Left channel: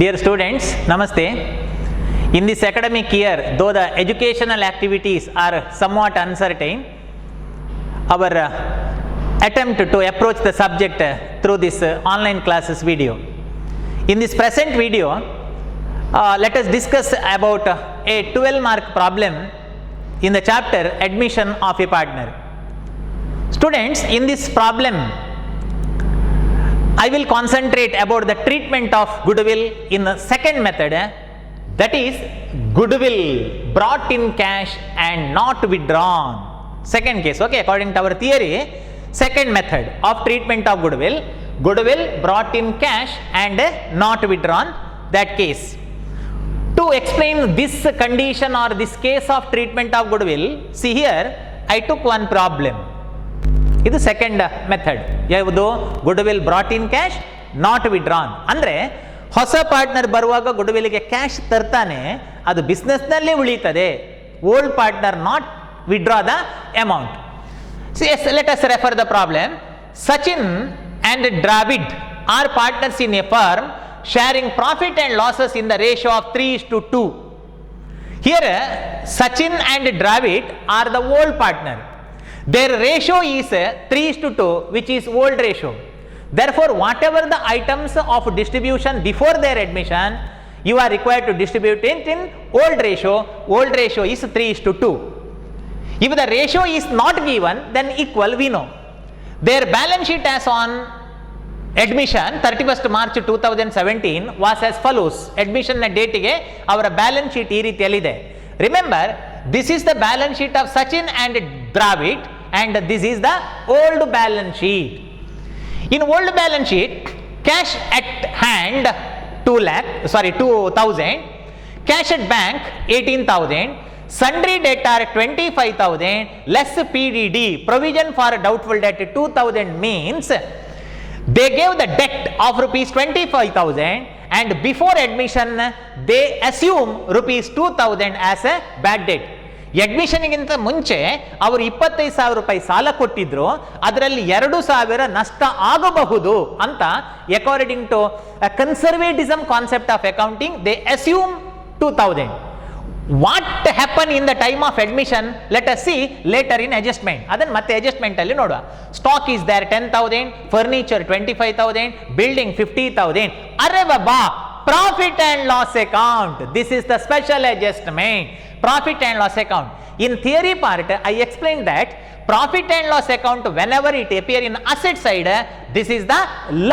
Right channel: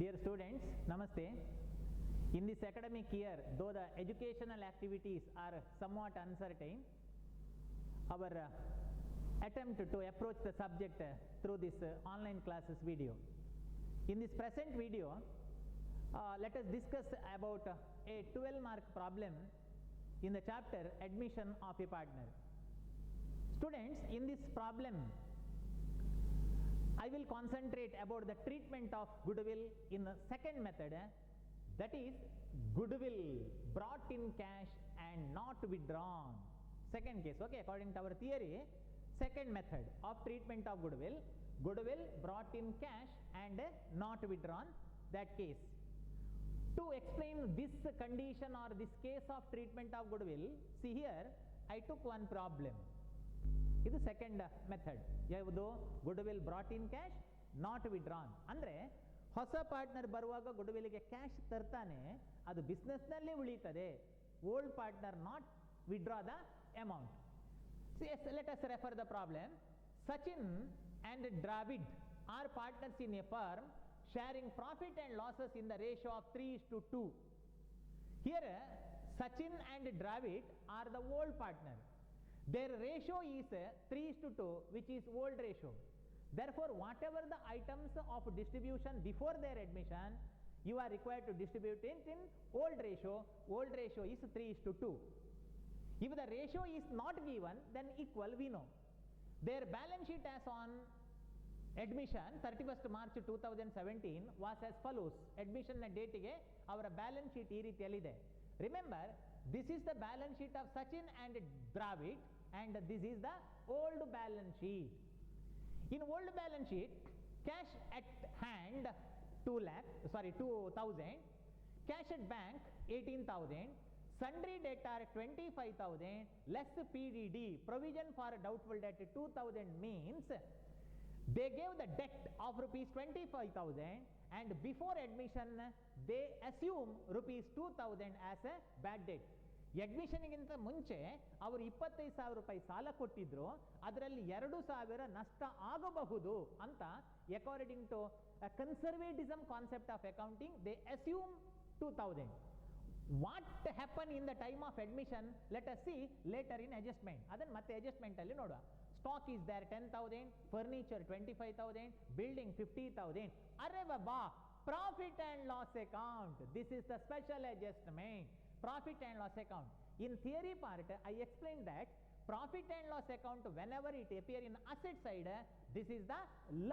Dear students, Namaste. In this academic year, though the educational activities are somewhat uncertain, our attempt to approach the subject through this online classes video. In this present video, let us discuss about a 12-mark problem in the chapter Admission of a Partner. Students, in this problem, I will concentrate about the treatment of goodwill in the second method, that is goodwill brought in cash and not withdrawn. Second case, okay, according to our theory, second method of treatment of goodwill, goodwill brought in cash and not withdrawn, that case. To explain this condition or this case of treatment of goodwill, see here, I took one problem. ಇದು second method. ಯಾವುದು? Goodwill brought in cash not withdrawn. ಅಂದರೆ ಹೊಸ partner ಬರುವಾಗ ಗುಡ್ವಿಲ್ಗೆ cash ತರ್ತಾನೆ, ಅದು ಬಿಸ್ನೆಸ್ನಲ್ಲಿ ಉಳಿತದೆ. Old partner not withdraw the amount. Let us refer the problem. Sachin and Dravid R partners in a firm sharing profit and losses in the ratio of 3:2. Here Sachin and Dravid are the old partner. Their ratio is 3:2, which is old ratio. Therefore, whatever the items of distribution before their admission, you are required to distribute it in old ratio. Old ratio is 3:2. If the ratio is not given, then equal we know. Their balance sheet as on admission 31st March 2017 was as follows. Admission na date ge avara balance sheet ee ರೀತಿಯಲ್ಲಿದೆ. Remember, this is the balance sheet of Sachin and Dravid and this is the old balance sheet. In old balance sheet, cash at hand 2,000, cash at bank 18,000, sundry debtor 25,000, less PDD, provision for doubtful debt 2,000 means they gave the debt of rupees 25,000 and before admission they assume rupees 2,000 as a bad debt. ಅಡ್ಮಿಷನ್ಗಿಂತ ಮುಂಚೆ ಅವರು 25,000 ರೂಪಾಯಿ ಸಾಲ ಕೊಟ್ಟಿದ್ರು, ಅದರಲ್ಲಿ 2,000 ನಷ್ಟ ಆಗಬಹುದು ಅಂತ according to conservatism concept of accounting they assume 2,000. What happened in the time of admission? Let us see later in adjustment. ಅದನ್ನು ಮತ್ತೆ adjustment ಅಲ್ಲಿ ನೋಡುವ. Stock is there 10,000, furniture 25,000, building 50,000. ಅರೆ ಬಾಬಾ, profit and loss account. This is the special adjustment. Profit and loss account. In theory part, I explained that profit and loss account whenever it appear in asset side, this is the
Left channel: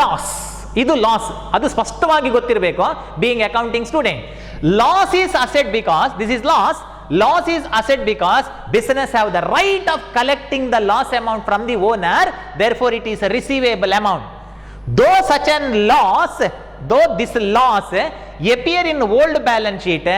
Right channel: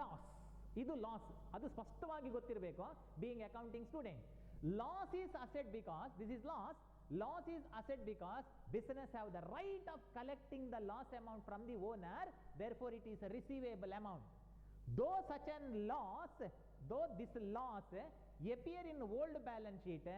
loss. ಇದು loss, ಅದು ಸ್ಪಷ್ಟವಾಗಿ ಗೊತ್ತಿರಬೇಕು being accounting student. Loss is asset because this is loss. Loss is asset because business have the right of collecting the loss amount from the owner. Therefore, it is a receivable amount. Though such an loss, though this loss appear in old balance sheet,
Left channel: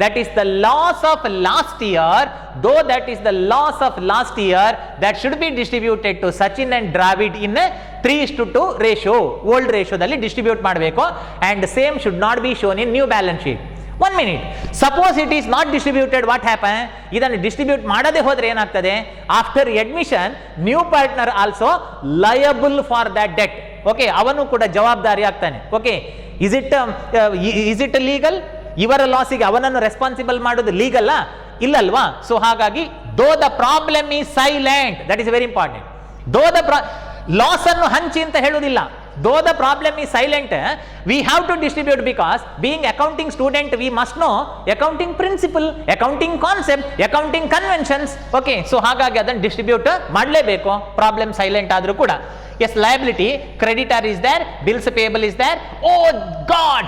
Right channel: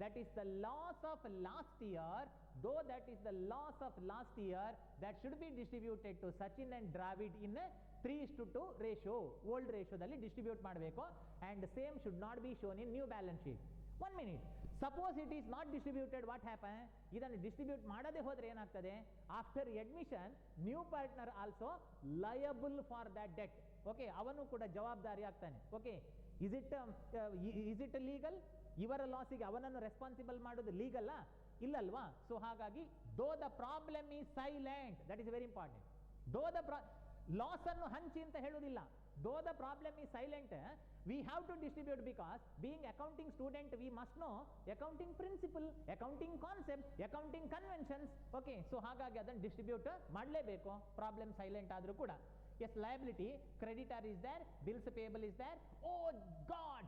that is the loss of last year. Though that is the loss of last year, that should be distributed to Sachin and Dravid in a 3:2 ratio. Old ratio dalli distribute ಮಾಡಬೇಕು and same should not be shown in new balance sheet. 1 minute. Suppose it is not distributed, what happen? ಇದನ್ನು distribute ಮಾಡದೆ ಹೋದ್ರೆ ಏನಾಗ್ತದೆ? After admission new partner also liable for that debt. Okay, ಅವನು ಕೂಡ ಜವಾಬ್ದಾರಿ ಆಗ್ತಾನೆ. Okay, is it legal? ಇವರ ಲಾಸಿಗೆ ಅವನನ್ನು ರೆಸ್ಪಾನ್ಸಿಬಲ್ ಮಾಡೋದು ಲೀಗಲ್ ಇಲ್ಲಲ್ವಾ? ಸೊ ಹಾಗಾಗಿ though the problem is silent, that is very important. Though the loss ಅನ್ನು ಹಂಚಿ ಅಂತ ಹೇಳುವುದಿಲ್ಲ. Though the problem is silent, we have to distribute because being accounting student, we must know accounting principle, accounting concept, accounting conventions. Okay, so ಹಾಗಾಗಿ ಅದನ್ನು distribute ಮಾಡಲೇಬೇಕು, problem silent ಆದರೂ ಕೂಡ. Yes, liability, creditor is there, bills payable is there. Oh God,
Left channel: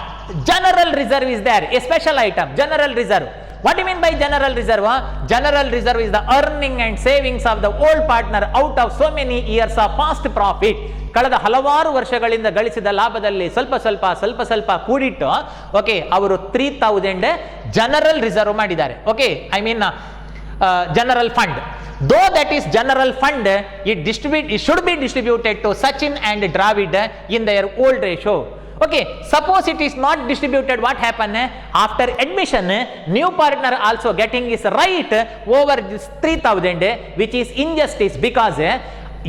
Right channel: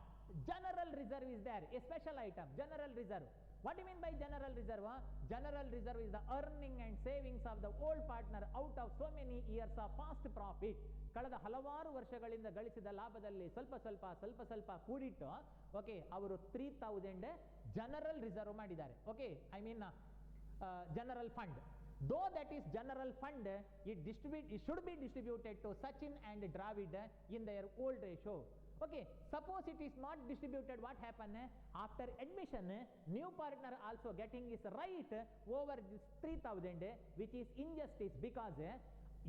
general reserve is there, a special item, general reserve. What do you mean by general reserve? General reserve is the earning and savings of the old partner out of so many years of past profit. ಕಳೆದ ಹಲವಾರು ವರ್ಷಗಳಿಂದ ಗಳಿಸಿದ ಲಾಭದಲ್ಲಿ ಸ್ವಲ್ಪ ಕೂಡಿಟ್ಟು, okay, ಅವರು 3,000 general reserve ಮಾಡಿದ್ದಾರೆ. Okay, I mean general fund. Though that is general fund, it should be distributed to Sachin and Dravid in their old ratio. Okay, suppose it is not distributed, what happen? After admission, new partner also getting his right over this 3,000, which is injustice because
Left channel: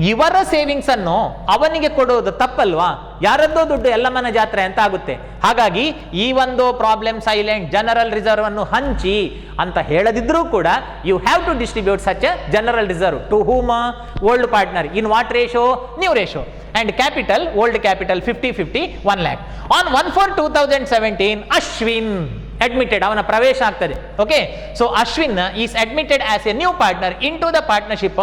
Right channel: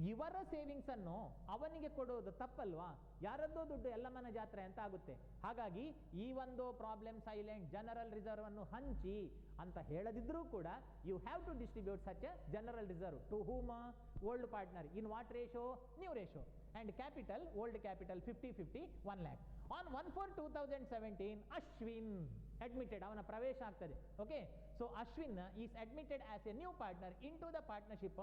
ಇವರ savings ಅನ್ನು ಅವನಿಗೆ ಕೊಡೋದು ತಪ್ಪಲ್ವಾ? ಯಾರದ್ದೋ ದುಡ್ಡು ಎಲ್ಲಮ್ಮನ ಜಾತ್ರೆ ಅಂತ ಆಗುತ್ತೆ. ಹಾಗಾಗಿ ಈ ಒಂದು ಪ್ರಾಬ್ಲಮ್ ಸೈಲೆಂಟ್, ಜನರಲ್ ರಿಸರ್ವ್ ಅನ್ನು ಹಂಚಿ ಅಂತ ಹೇಳದಿದ್ರೂ ಕೂಡ you have to distribute such a general reserve to whom? Old partner in what ratio? New ratio. And capital, old capital 50-50, 1 lakh. On 1/4/2017, Ashwin admitted, ಅವನ ಪ್ರವೇಶ ಆಗ್ತದೆ. Okay, so Ashwin is admitted as a new partner in to the partnership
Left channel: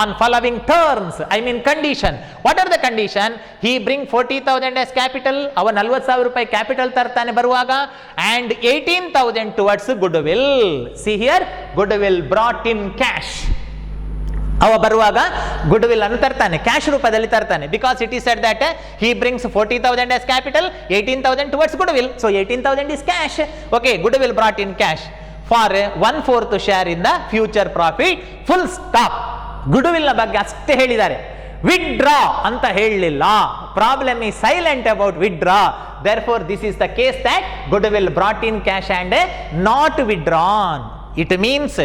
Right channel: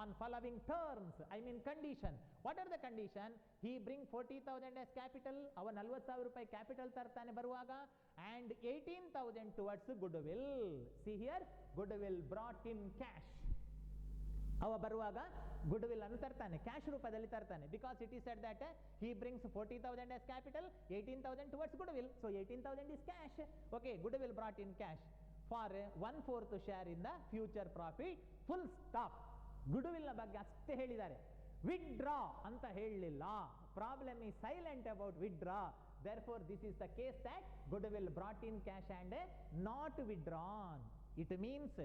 on following terms, I mean condition. What are the condition? He bring 40,000 as capital, ಅವ 40,000 ರೂಪಾಯಿ capital ತರ್ತಾನೆ ಬರುವಾಗ, and 18,000 towards goodwill. See here, goodwill brought in cash. ಅವ ಬರುವಾಗ goodwill ಅನ್ನು ತರ್ತಾನೆ, cash ರೂಪದಲ್ಲಿ ತರ್ತಾನೆ. Because it is said that he brings 40,000 as capital, 18,000 towards good will. So 18,000 is cash. Okay, good will brought in cash for 1/4 share in the future profit. Full stop. Good will ನ ಬಗ್ಗೆ ಅಷ್ಟೇ ಹೇಳಿದ್ದಾರೆ, withdraw ಅಂತ ಹೇಳಲಿಲ್ಲ. Problem is silent about withdraw. therefore this is the case that goodwill brought in cash and not withdrawn. It means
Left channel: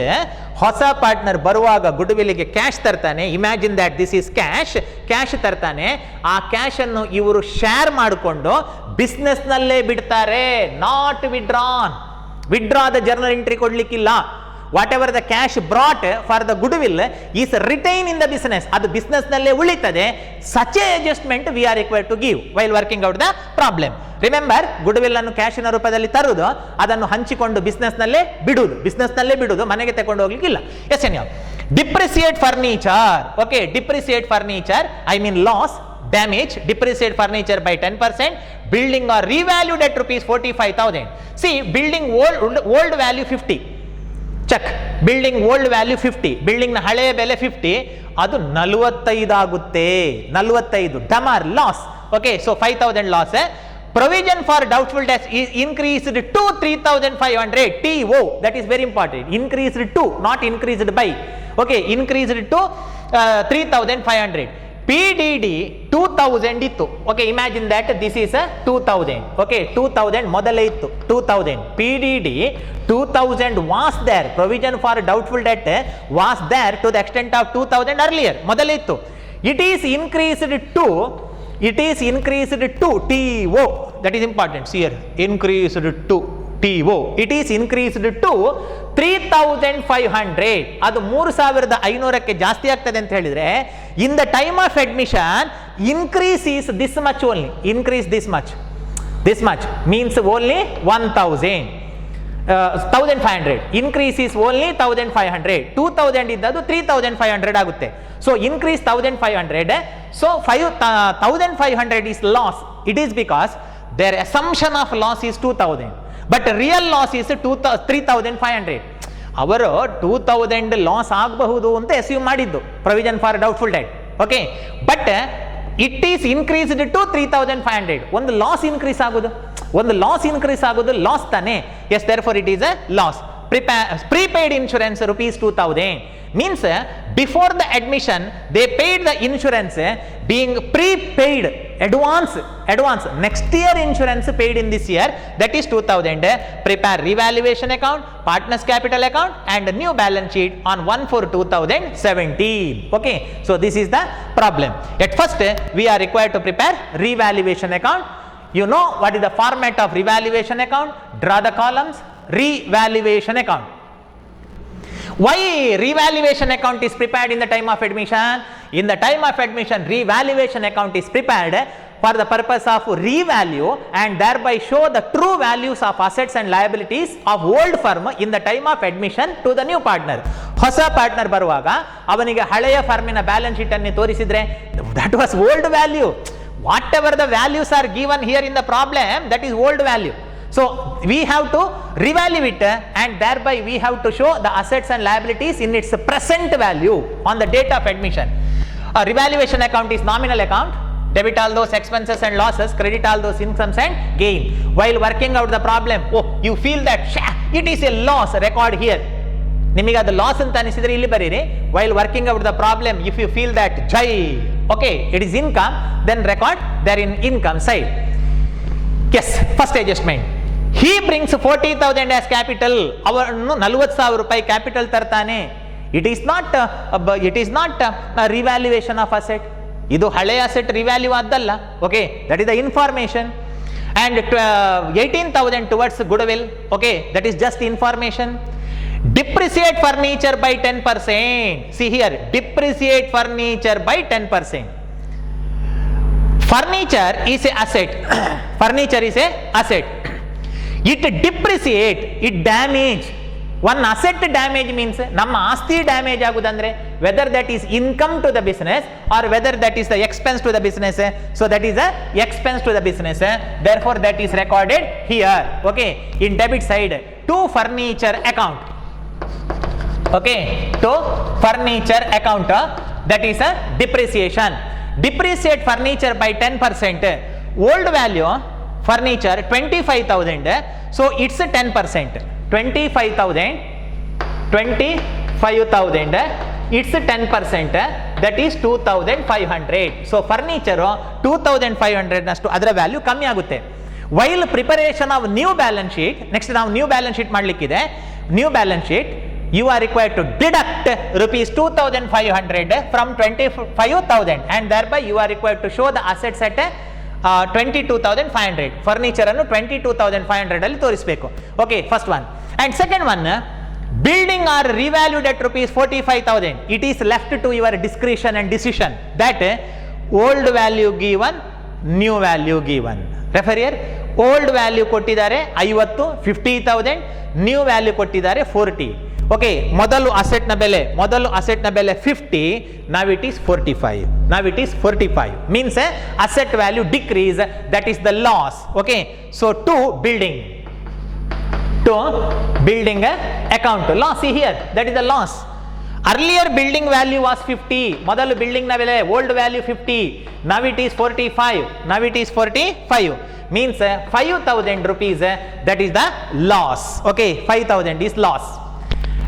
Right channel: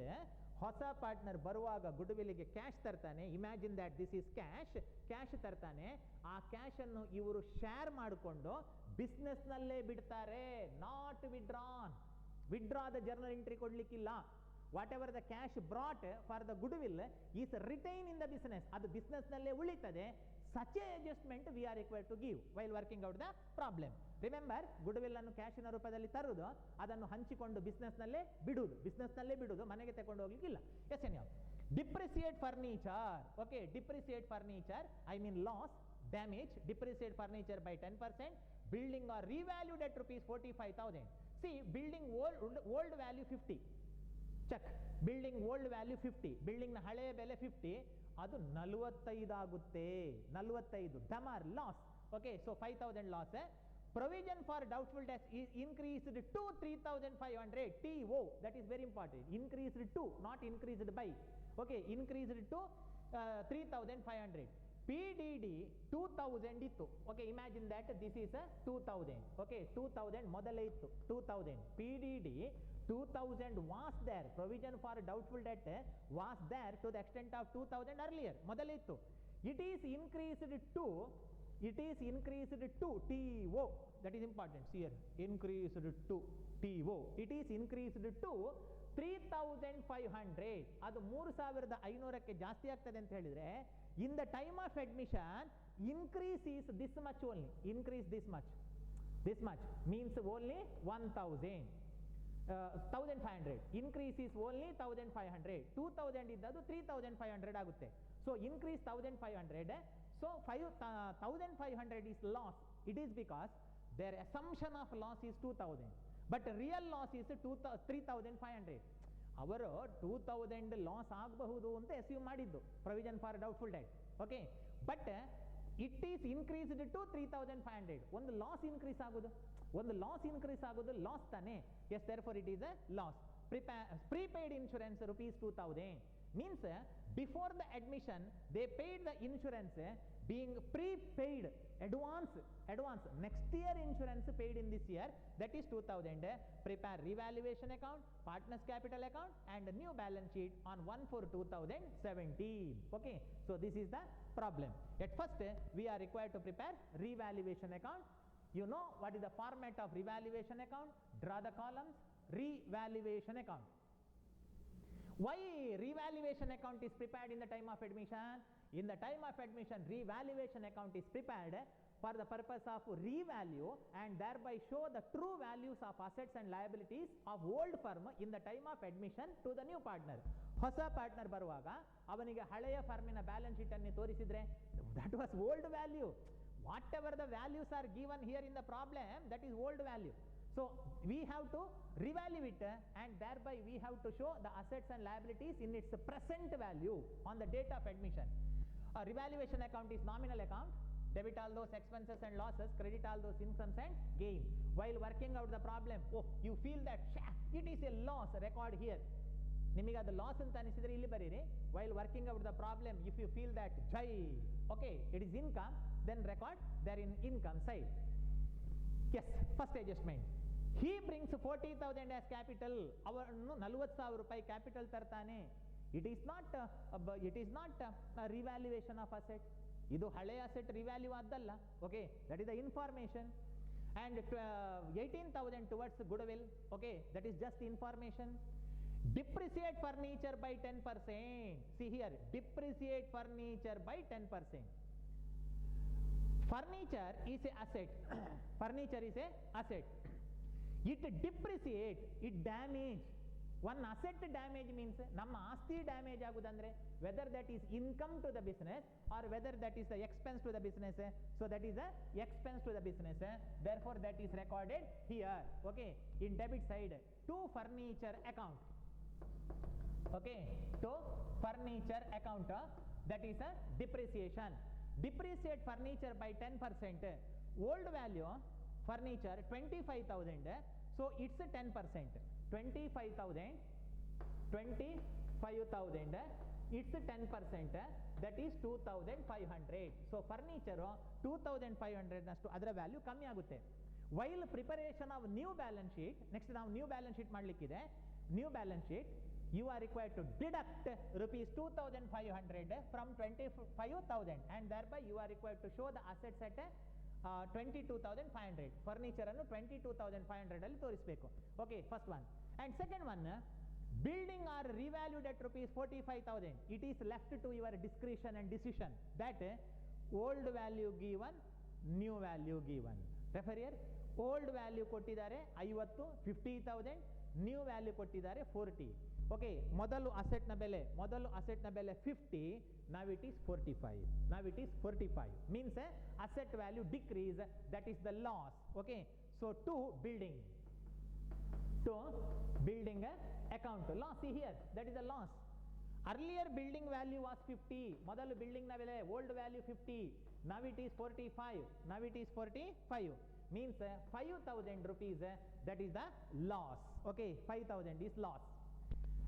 ಹೊಸ partner ಬರುವಾಗ ಗುಡ್ ವಿಲ್ಗೆ ಕ್ಯಾಶ್ ತರ್ತಾನೆ. Imagine that this is cash ತರ್ತಾನೆ. ಆ ಕ್ಯಾಶ್ ಅನ್ನು ಇವರು ಶೇರ್ ಮಾಡಿಕೊಂಡು ಬಿಸ್ನೆಸ್ ನಲ್ಲೇ ಬಿಡ್ತಾರೆ. Not withdrawn. ವಿಡ್ರಾದ ಜರ್ನಲ್ ಎಂಟ್ರಿ ಕೊಡ್ಲಿಕ್ಕಿಲ್ಲ. Whatever the cash brought for the goodwill is retain in the business. ಅದು ಬಿಸ್ನೆಸ್ ನಲ್ಲೇ ಉಳಿತದೆ. Such a adjustment we are required to give while working out the problem. Remember, goodwill ಅನ್ನು ಕ್ಯಾಶಿನ ರೂಪದಲ್ಲಿ ತರುವುದು, ಅದನ್ನು ಹಂಚಿಕೊಂಡು business ನಲ್ಲೇ ಬಿಡುವುದು, ಮನೆಗೆ ತಗೊಂಡು ಹೋಗ್ಲಿಕ್ಕಿಲ್ಲ. ಎಸ್ ಎನ್ ಯಾವ depreciate furniture. Okay, depreciate furniture I mean loss, damage, depreciate furniture by 10%, building or revalued at rupees 45,000. See, building old value 50, check. Building old value 50, building ನ ಹಳೆಯ ಬೆಲೆ 50, ಅದು 45 ಆಗುತ್ತೆ. 45 ಡಮಾರ್ loss. Okay, so 5,000 loss. Provision for doubtful debts is increased to 3,500. TO, that is very important. Increased to, not increased by. Okay, increased to 3,500. PDD 2,000 ಇತ್ತು. Okay, imagine that this is 2,000. Okay, 2,000 ಮೊದಲೇ ಇತ್ತು 2,000. PDD 2,000 was there. Provision for doubtful debt was there to the extent of 2,000 earlier. ಮೊದಲೇ ಇತ್ತು. It is increased to TO. That is important. See here, increased to TO. It is increased to 3,500. ಅದು 3,500ಕ್ಕೆ ಜಾಸ್ತಿ ಆಗ್ತದೆ ಅಂತ ಹೇಳಿದ್ರೆ, in the time of admission increase is this much only. Increase this much means only 1,500. Increase is only 1,500. 2,000 ಇದ್ದದ್ದು 3,500 ಆಗುತ್ತೆ. So increase 1,500. So 1,500 is loss. It is because their assumption of loss is 2,000, but real loss is 3,500. ಅವರು 2,000 loss ಆಗಬಹುದು ಅಂತ assume ಮಾಡಿದ್ದು provision for doubtful debt. Okay, but it is increased to 3,500. ಒಂದು loss increase ಆಗೋದು loss ತಾನೆ. Yes, therefore it is a loss. Prepaid insurance rupees 2,000 means before the admission they paid the insurance, being prepaid advance. Next year insurance paid in this year, that is 2,000. Prepare revaluation account, partners capital account and new balance sheet on 1/4/2017. Okay, so this is the problem. At first we are required to prepare revaluation account. You know what is the format of revaluation account? Draw the columns. Revaluation account. Why revaluation account is prepared in the time of admission? In the time of admission, revaluation account is prepared for the purpose of revalue and thereby show the true values of assets and liabilities of old firm in the time of admission to the new partner. ಹೊಸ partner ಬರುವಾಗ ಅವನಿಗೆ ಹಳೆಯ ಫರ್ಮಿನ balance sheet ಅನ್ನು ತೋರಿಸಿದ್ರೆ that was old value. Whatever the values are given here in the problem, that is old value. So we have to revalue it and thereby we have to show the assets and liabilities in its present value on the date of admission. A revaluation account is nominal account. Debit all those expenses and losses, credit all those incomes and gain. While working out the problem, you feel that it is a loss, record here. ನಿಮಗೆ ಅದು loss ಅಂತ ಅನಿಸಿದ್ರೆ ಇಲ್ಲಿ ಬರೀರಿ. While working out the problem, if you feel that okay, it is income, then record there in income side. Yes, first adjustment. He brings 40,000 as capital. ಅವನು 40,000 ರೂಪಾಯಿ capital ತರ್ತಾನೆ. It is not a revaluation of asset. ಇದು ಹಳೆ asset revalue ಆದ್ದಲ್ಲ. Okay, that is the information. And 18,000 towards goodwill. Okay, that is just information. Depreciate furniture by 10%. See here, depreciate furniture by 10%. Furniture is a asset. Furniture is a asset. It depreciate, it damage. One asset damage means ನಮ್ಮ ಆಸ್ತಿ damage ಆಗುದಂದ್ರೆ whether that is income to the business or whether that is the expense to the business. So that is a expense to the business. Therefore that is recorded here. Okay, in debit side to furniture account. Okay, to furniture account, that is a depreciation. Depreciate furniture by 10%. Old value furniture 25,000. So it's a 10%. 25,000. It's a 10%. That is 2,500. So furniture 2,500 ನಷ್ಟು ಅದರ value ಕಮ್ಮಿ ಆಗುತ್ತೆ. While preparation of new balance sheet, next ನಾವು new balance sheet ಮಾಡಲಿಕ್ಕಿದೆ. New balance sheet, you are required to deduct rupees 2,500 from 25,000 and thereby you are required to show the assets at 22,500. Furniture ಅನ್ನು 22,500 ಅಲ್ಲಿ ತೋರಿಸಬೇಕು. Okay, first one. And second one, building are revalued at rupees 45,000. It is left to your discretion and decision that old value given, new value given. Refer here, old value ಕೊಟ್ಟಿದ್ದಾರೆ 50, 50,000, new value ಕೊಟ್ಟಿದ್ದಾರೆ 40. Okay, ಮೊದಲು ಅಸೆಟ್ನ ಬೆಲೆ 50, now it is 45. Now it is 45 means asset value decrease, that is the loss. Okay, so to building account loss. See here, that is the loss. Earlier building value was 50, ಮೊದಲು building ನ ಬೆಲೆ old value 50, now it is 45. Means 5,000 rupees, that is the loss. Okay, 5,000 is loss.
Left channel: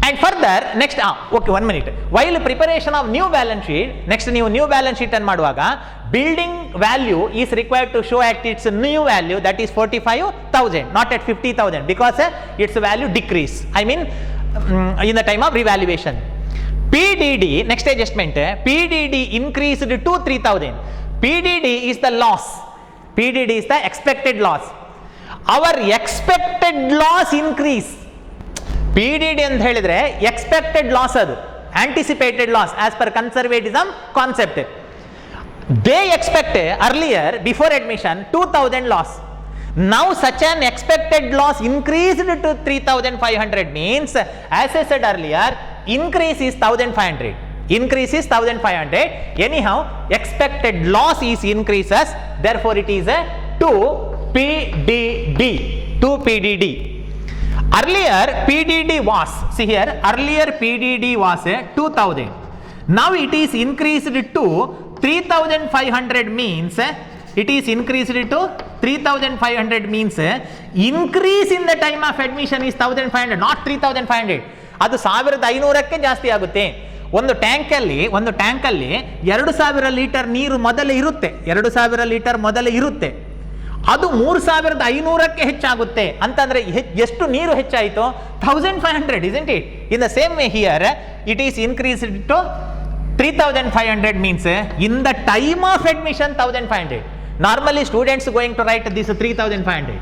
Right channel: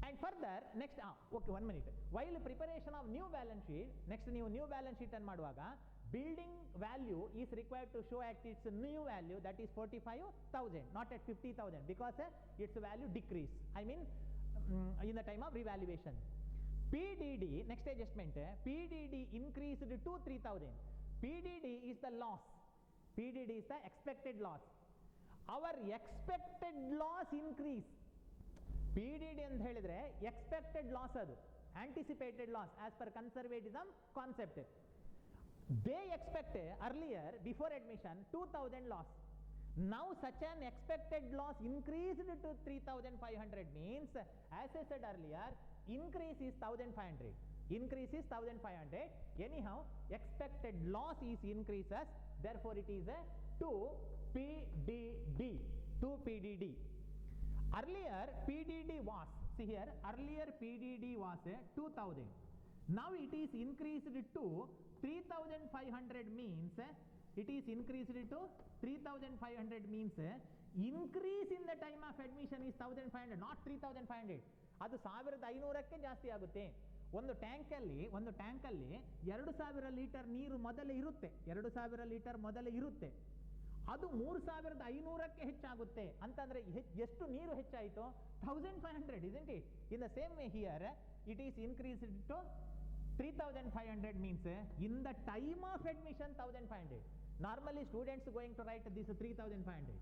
And further next okay, 1 minute. While preparation of new balance sheet, next ನೀವು new balance sheet ಅನ್ನು ಮಾಡುವಾಗ building value is required to show at its new value, that is 45,000, not at 50,000, because its value decrease, I mean in the time of revaluation. PDD, next adjustment, PDD increased to 3,000. PDD is the loss. PDD is the expected loss. Our expected loss increase. PDD ಅಂತ ಹೇಳಿದ್ರೆ expected loss, ಅದು anticipated loss as per conservatism concept. They expect earlier before admission 2,000 loss. Now such an expected loss increased to 3,500 means, as I said earlier, increase is 1,500. Anyhow, expected loss is increases, therefore it is a 2 PDD. Earlier PDD was, see here, earlier PDD was 2,000. Now it is increased to 3,500 means, it is increased to 3,500 means increase in the time of admission is 1,500, not 3,500. ಅದು 1,500ಕ್ಕೆ ಜಾಸ್ತಿ ಆಗುತ್ತೆ. ಒಂದು ಟ್ಯಾಂಕಲ್ಲಿ 2,000 litre ನೀರು ಮೊದಲೇ ಇರುತ್ತೆ. ಅದು 3,500ಕ್ಕೆ ಹೆಚ್ಚಾಗುತ್ತೆ ಅಂತಂದ್ರೆ ಎಷ್ಟು ನೀರು ಹೆಚ್ಚಾಯಿತು? 1,500, isn't it? In the same way here, it is increased to 3,500 means in the time of admission 1,500. Normally students going to write this 3,500.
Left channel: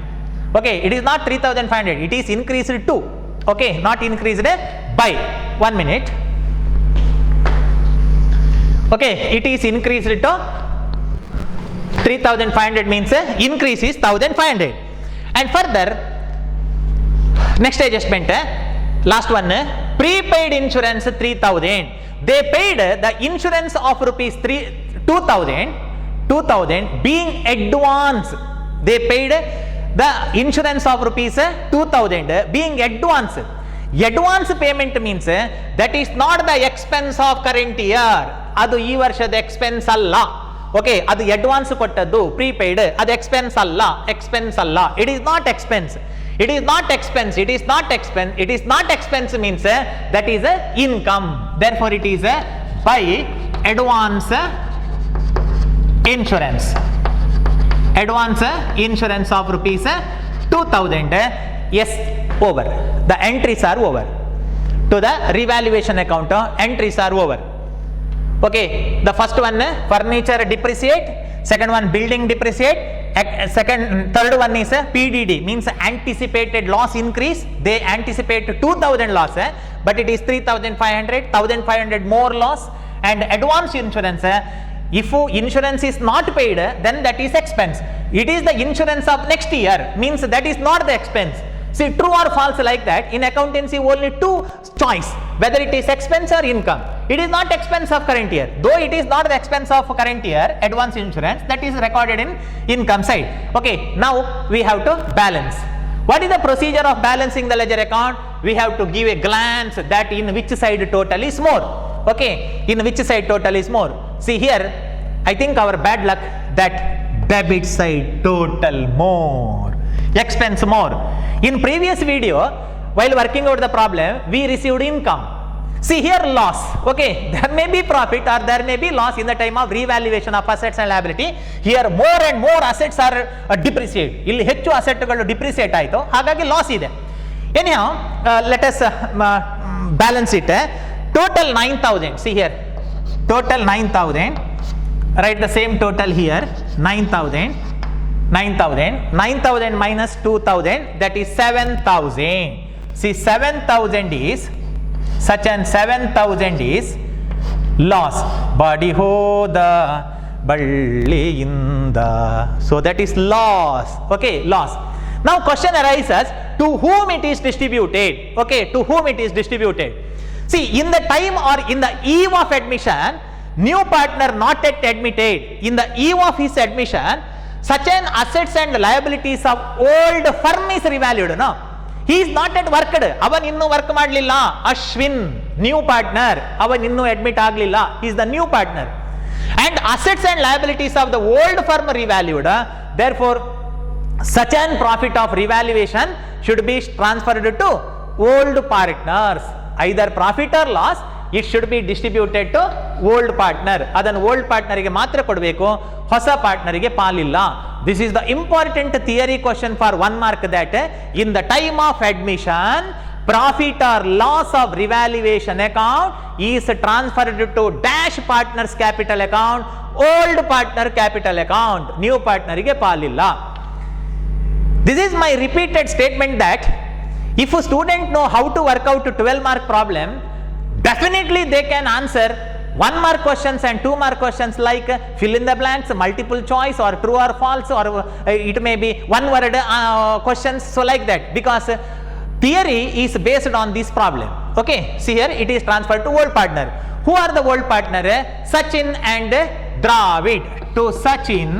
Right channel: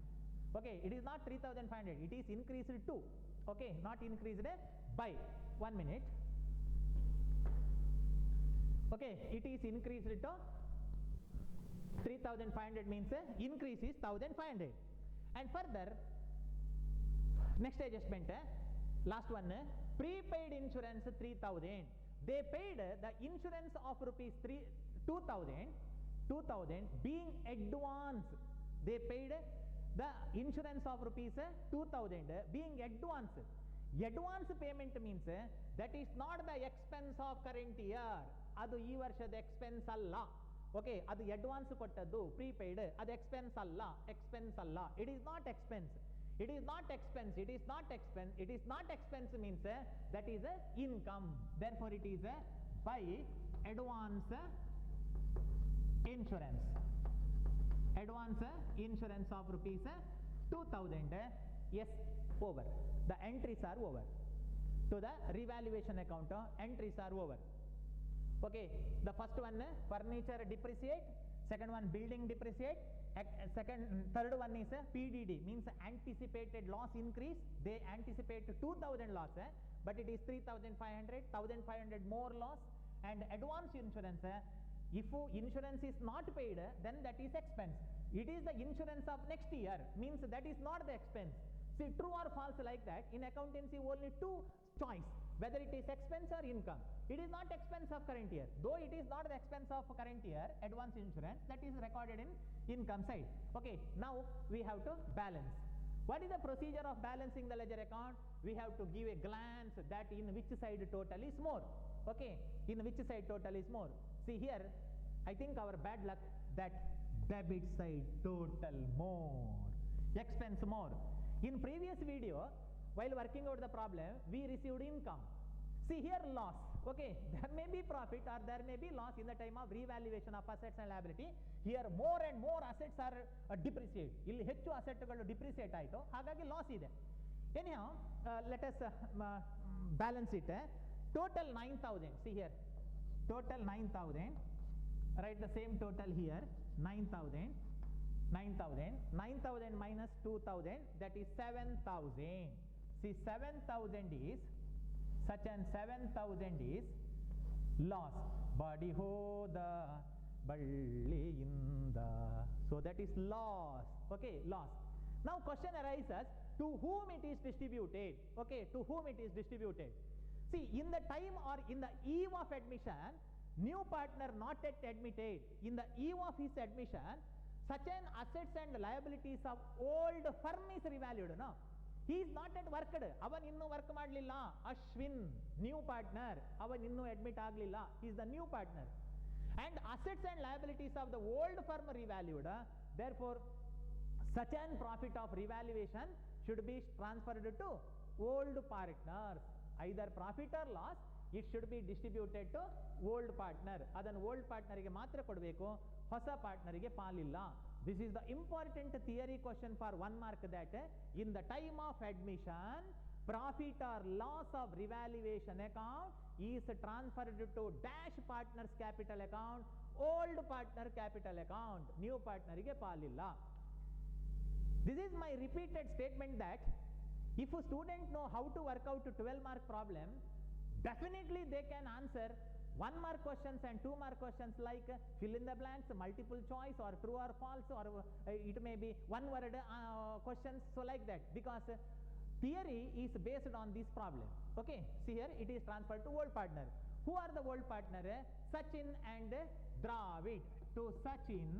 Okay, it is not 3,500, it is increased to. Okay, not increased by. 1 minute. Okay, it is increased to 3,500 means increase is 1,500. And further next adjustment, last one, prepaid insurance 3,000. They paid the insurance of rupees 2,000 being advance. They paid the insurance of rupees 2,000 being advance. Advance payment means that is not the expense of current year. ಅದು ಈ ವರ್ಷದ expense ಅಲ್ಲ. Okay, ಅದು advance ಕೊಟ್ಟದ್ದು prepaid, ಅದು expense ಅಲ್ಲ. It is not expense. It is not expense means that is a income. Therefore it is by advance insurance. Advance insurance of rupees 2,000. Yes, over. The entries are over. to the revaluation account. Entries are over. Okay, the first one furniture depreciate, second one building depreciate, third one is PDD, means anticipated loss increase. They anticipate 2000 loss, but it is 3500, 1500 more loss. And advance insurance, if insurance is not paid, then that is expense. It is the insurance of next year, means that is not the expense. See, true or false like that. In accountancy only two choice, whether it is expense or income. It is not expense of current year. Though it is not the expense of current year, advance insurance, that is recorded in income side. Okay, now we have to balance. What is the procedure of balancing the ledger account? We have to give a glance that in which side total is more. Okay, in which side total is more. See here, I think our bad luck that debit side total more, expense more. In previous video, while working out the problem, we received income. See here loss. Okay, there may be profit or there may be loss in the time of revaluation of assets and liability. Here more and more assets are depreciate. ಇಲ್ಲಿ ಹೆಚ್ಚು ಅಸೆಟ್ಗಳು depreciate ಆಯಿತು, ಹಾಗಾಗಿ loss ಇದೆ. Anyhow, let us balance it. Total 9000. See here, total 9000. Write the same total here. 9000 minus 2000, that is 7000. See, 7000 is such and 7000 is loss. Body hoda balliinda. So that is loss. Okay, loss. Now question arises, to whom it is distributed? Okay, to whom it is distributed? See, in the time or in the eve of admission, new partner not yet admitted. In the eve of his admission, such an assets and liabilities of old firm is revalued. No, he is not at worked. Avan innu work madlilla. Ashwin, new partner, avan innu admit aglilla. He is the new partner. And assets and liabilities of the old firm revalued. Therefore, such an profit of revaluation should be transferred to old partners. Either profit or loss, it should be distributed to old partner. Adan old partner ಗೆ ಮಾತ್ರ ಕೊಡಬೇಕು, ಹೊಸ partner ಗೆ ಪಾಲಿಲ್ಲ. This is the important theory question for 1 mark, that in the time of admission, profit or loss of revaluation account is transferred to dash partners capital account, old partner capital account, new partner ಗೆ ಪಾಲಿಲ್ಲ. This is my repeated statement that if a student know how to work out a 12 mark problem, definitely they can answer 1 mark questions and 2 mark questions like fill in the blanks, multiple choice, or true or false, or it may be one word questions. So like that, because theory is based on this problem. Okay, see here it is transferred to old partner. Who are the old partner? Sachin and Dravid. To Sachin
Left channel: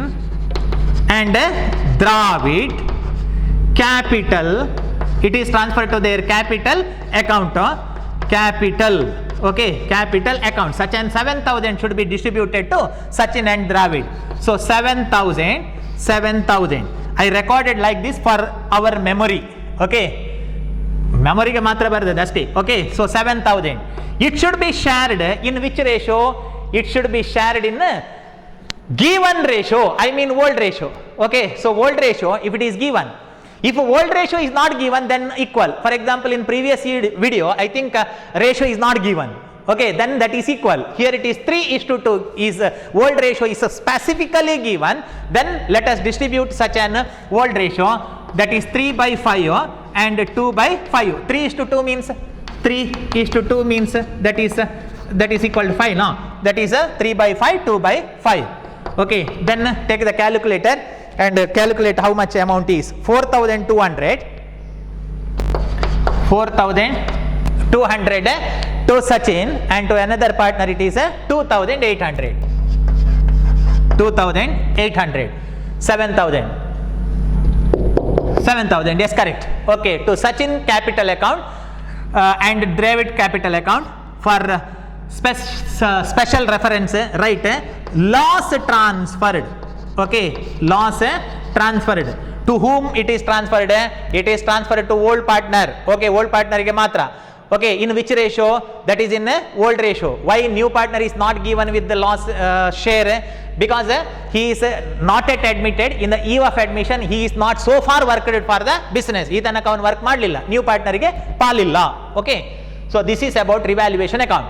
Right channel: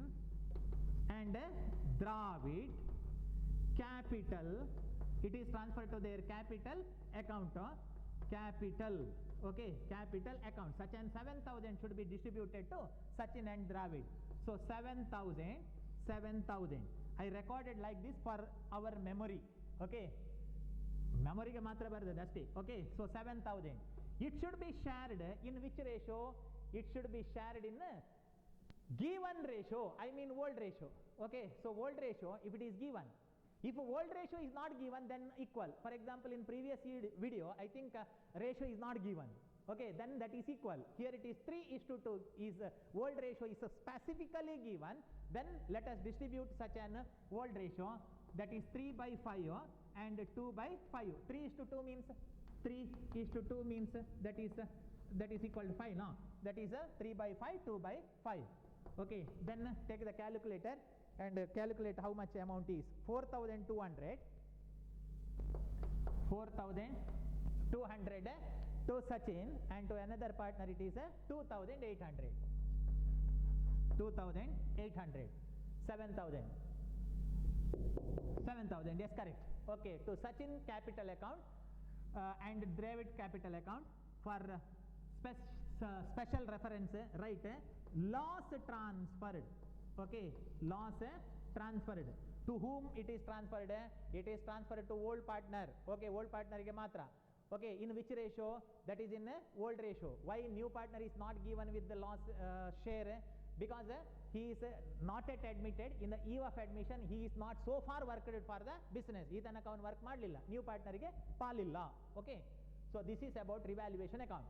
and Dravid, capital, it is transferred to their capital account. Capital, okay, capital account. Such and 7000 should be distributed to Sachin and Dravid. So 7000 I recorded like this for our memory. Okay, memory ge matra baradadu asti. Okay, so 7000, it should be shared in which ratio? It should be shared in given ratio, I mean old ratio. Okay, so old ratio, if it is given, if old ratio is not given, then equal. For example, in previous video, I think ratio is not given. Okay, then that is equal. Here it is 3:2 is old ratio is specifically given. Then let us distribute such an old ratio, that is 3/5 and 2/5. 3:2 means 3:2 means that is equal to 5. Now that is 3/5, 2/5. Okay, then take the calculator and calculate how much amount is 4,200 to Sachin, and to another partner it is 2,800. 7,000, yes, correct. Okay, to Sachin capital account and Dravid capital account. For special reference, write loss transferred. Okay, loss transferred. To whom it is transferred? It is transferred to old partner. Okay, old partner ge matra. Okay, in which ratio? That is in old ratio. Why new partner is not given with the loss share? Because he is not yet admitted. In the eve of admission, he is not so far worked for the business. Ee tanaka avanu work madlilla. New partner ge palilla. Okay, So this is about revaluation account.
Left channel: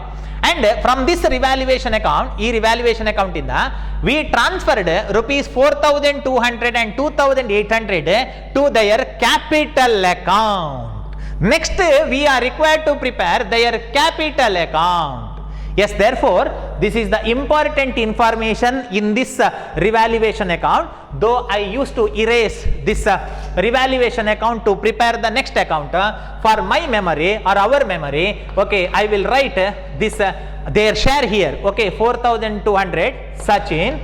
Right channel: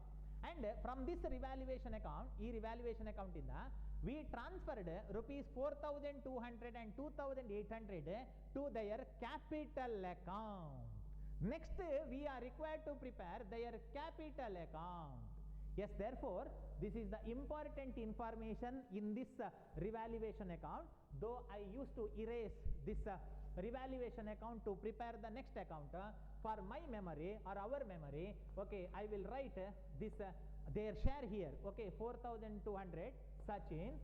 And from this revaluation account, revaluation account we transferred rupees 4,200 and 2,800 to their capital account. Next, we are required to prepare their capital account. Yes, therefore, this is the important information in this revaluation account. Though I used to erase this revaluation account to prepare the next account, for my memory or our memory, okay, I will write this their share here. Okay, 4,200 Sachin,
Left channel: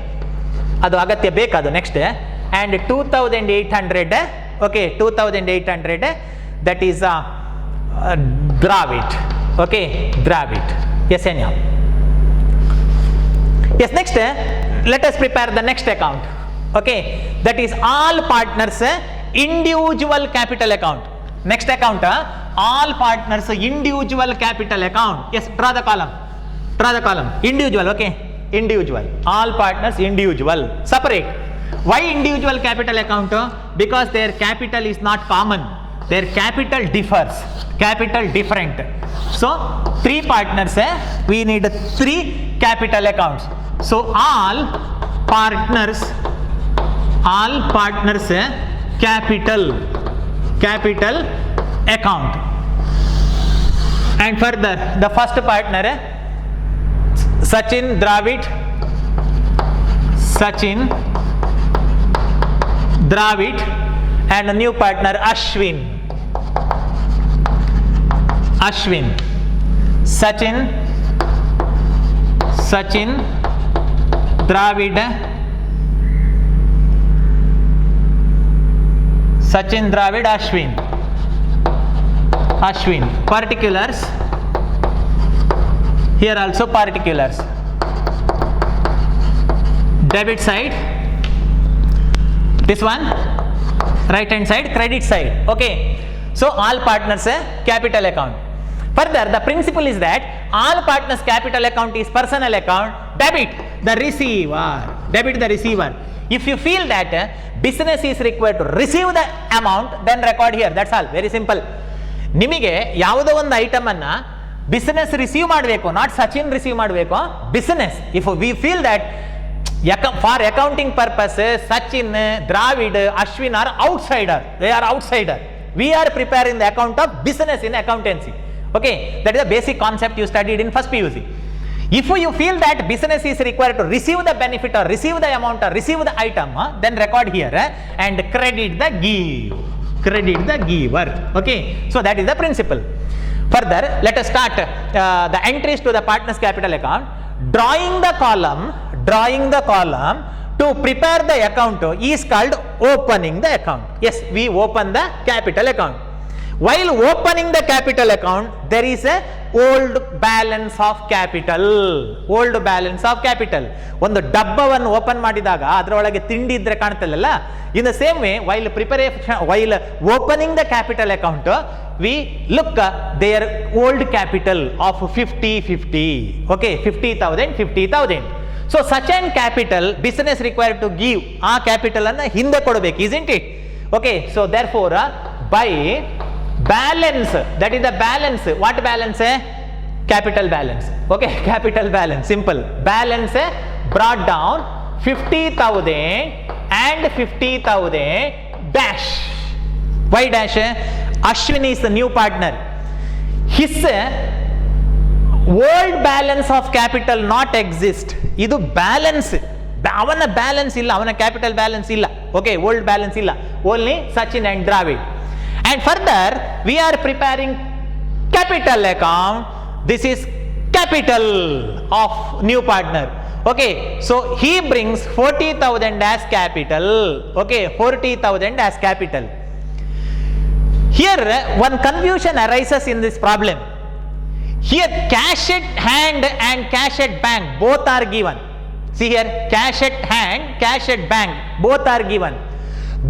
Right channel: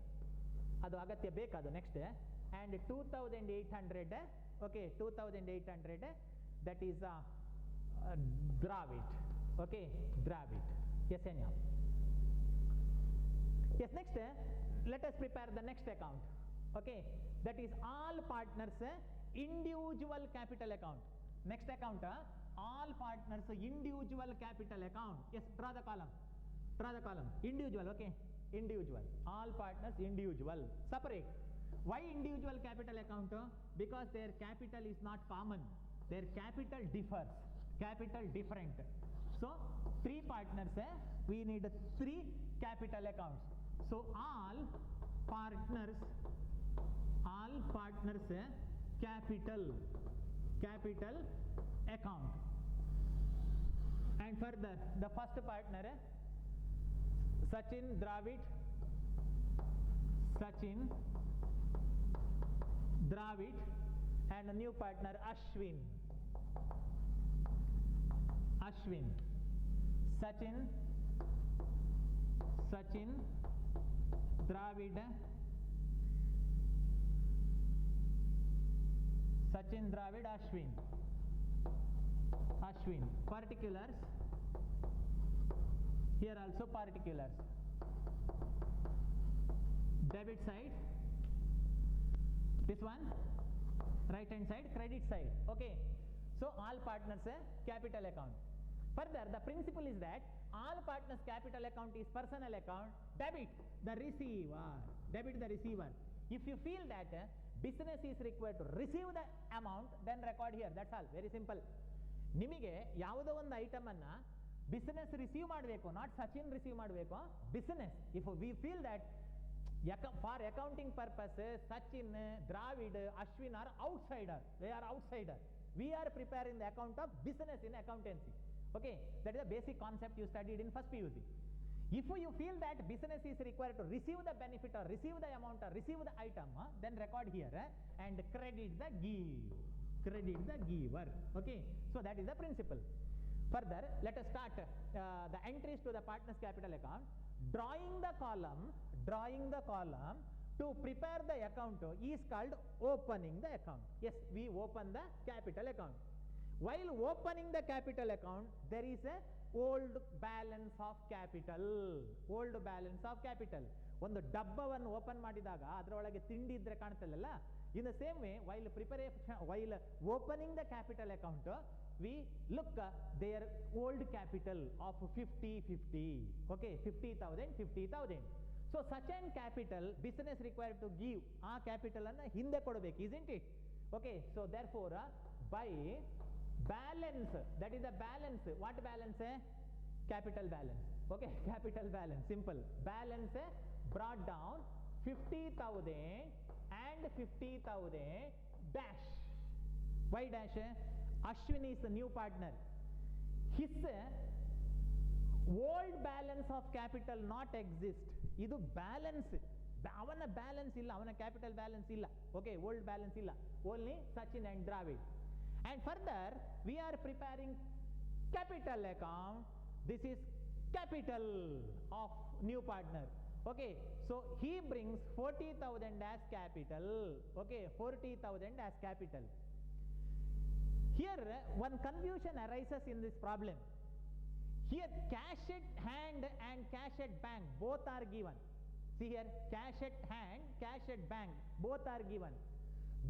adu agatya bekadu next, and 2,800, okay, 2,800 that is Dravid. Okay, Dravid. Yes, Enya. Yes, next, let us prepare the next account. Okay, that is all partners individual capital account. Next account, all partners individual capital account. Yes, draw the column. Draw the column. Individual, okay, individual. All partners individual. Separate. Why individual capital account? Because their capital is not common. Their capital differs. Capital different. So, 3 partners, we need 3 capital accounts. So, all partners capital account. And further, the first partner, Sachin Dravid, and a new partner Ashwin. Sachin, Dravid, Ashwin. Particulars. Here also particulars. Debit side. This one. Right hand side, credit side. Okay. So all partners capital account. Further, the principle is that all partners capital account is personal account. Debit the receiver. If you feel that business is required to receive the amount, then record here. That's all. Very simple. ನಿಮಗೆ ಯಾವುದೋ ಒಂದು item ಅನ್ನ business receive ಮಾಡಬೇಕು, not Sachin receive ಮಾಡಬೇಕು, business. If we feel that for accounting purpose Sachin, Dravid, Ashwin are outsider, they are outsider. We are preparing the account of business in accountancy. Okay, that is the basic concept you studied in first PUC. If you feel that business is required to receive the benefit or receive the amount or receive the item, then record here and credit the giver. Okay, so that is the principle. Further, let us start the entries to the partners capital account. Drawing the column to prepare the account is called opening the account. Yes, we open the capital account. While opening the capital account, there is a old balance of capital. ಒಂದು ಡಬ್ಬವನ್ನು open ಮಾಡಿದಾಗ ಅದರೊಳಗೆ ತಿಂಡಿ ಇದ್ರೆ ಕಾಣ್ತಲ್ಲ. In the same way, while opening the capital account, we look their old capital of 50. Okay, 50,000. So such an capital business required to give ಆ capital ಅನ್ನ ಹಿಂದೆ ಕೊಡಬೇಕು, isn't it? Okay, so therefore by balance, that is the balance. What balance? Capital balance. Okay, capital balance, simple. Balance brought down 50,000 and 50,000 dash. Why dash? Ashwin is the new partner. His old balance of capital not exist. ಇದು balance, ಅವನ balance ಇಲ್ಲ, ಅವನ capital balance ಇಲ್ಲ. Okay, old balance ಇಲ್ಲ, only Sachin and Dravid. And further we are preparing capital account. This is capital of new partner. Okay, so he brings 40,000 as capital. Okay, 40,000 as capital. Here one confusion arises in this problem. Here cash at hand and cash at bank both are given. See here, cash at hand, cash at bank both are given.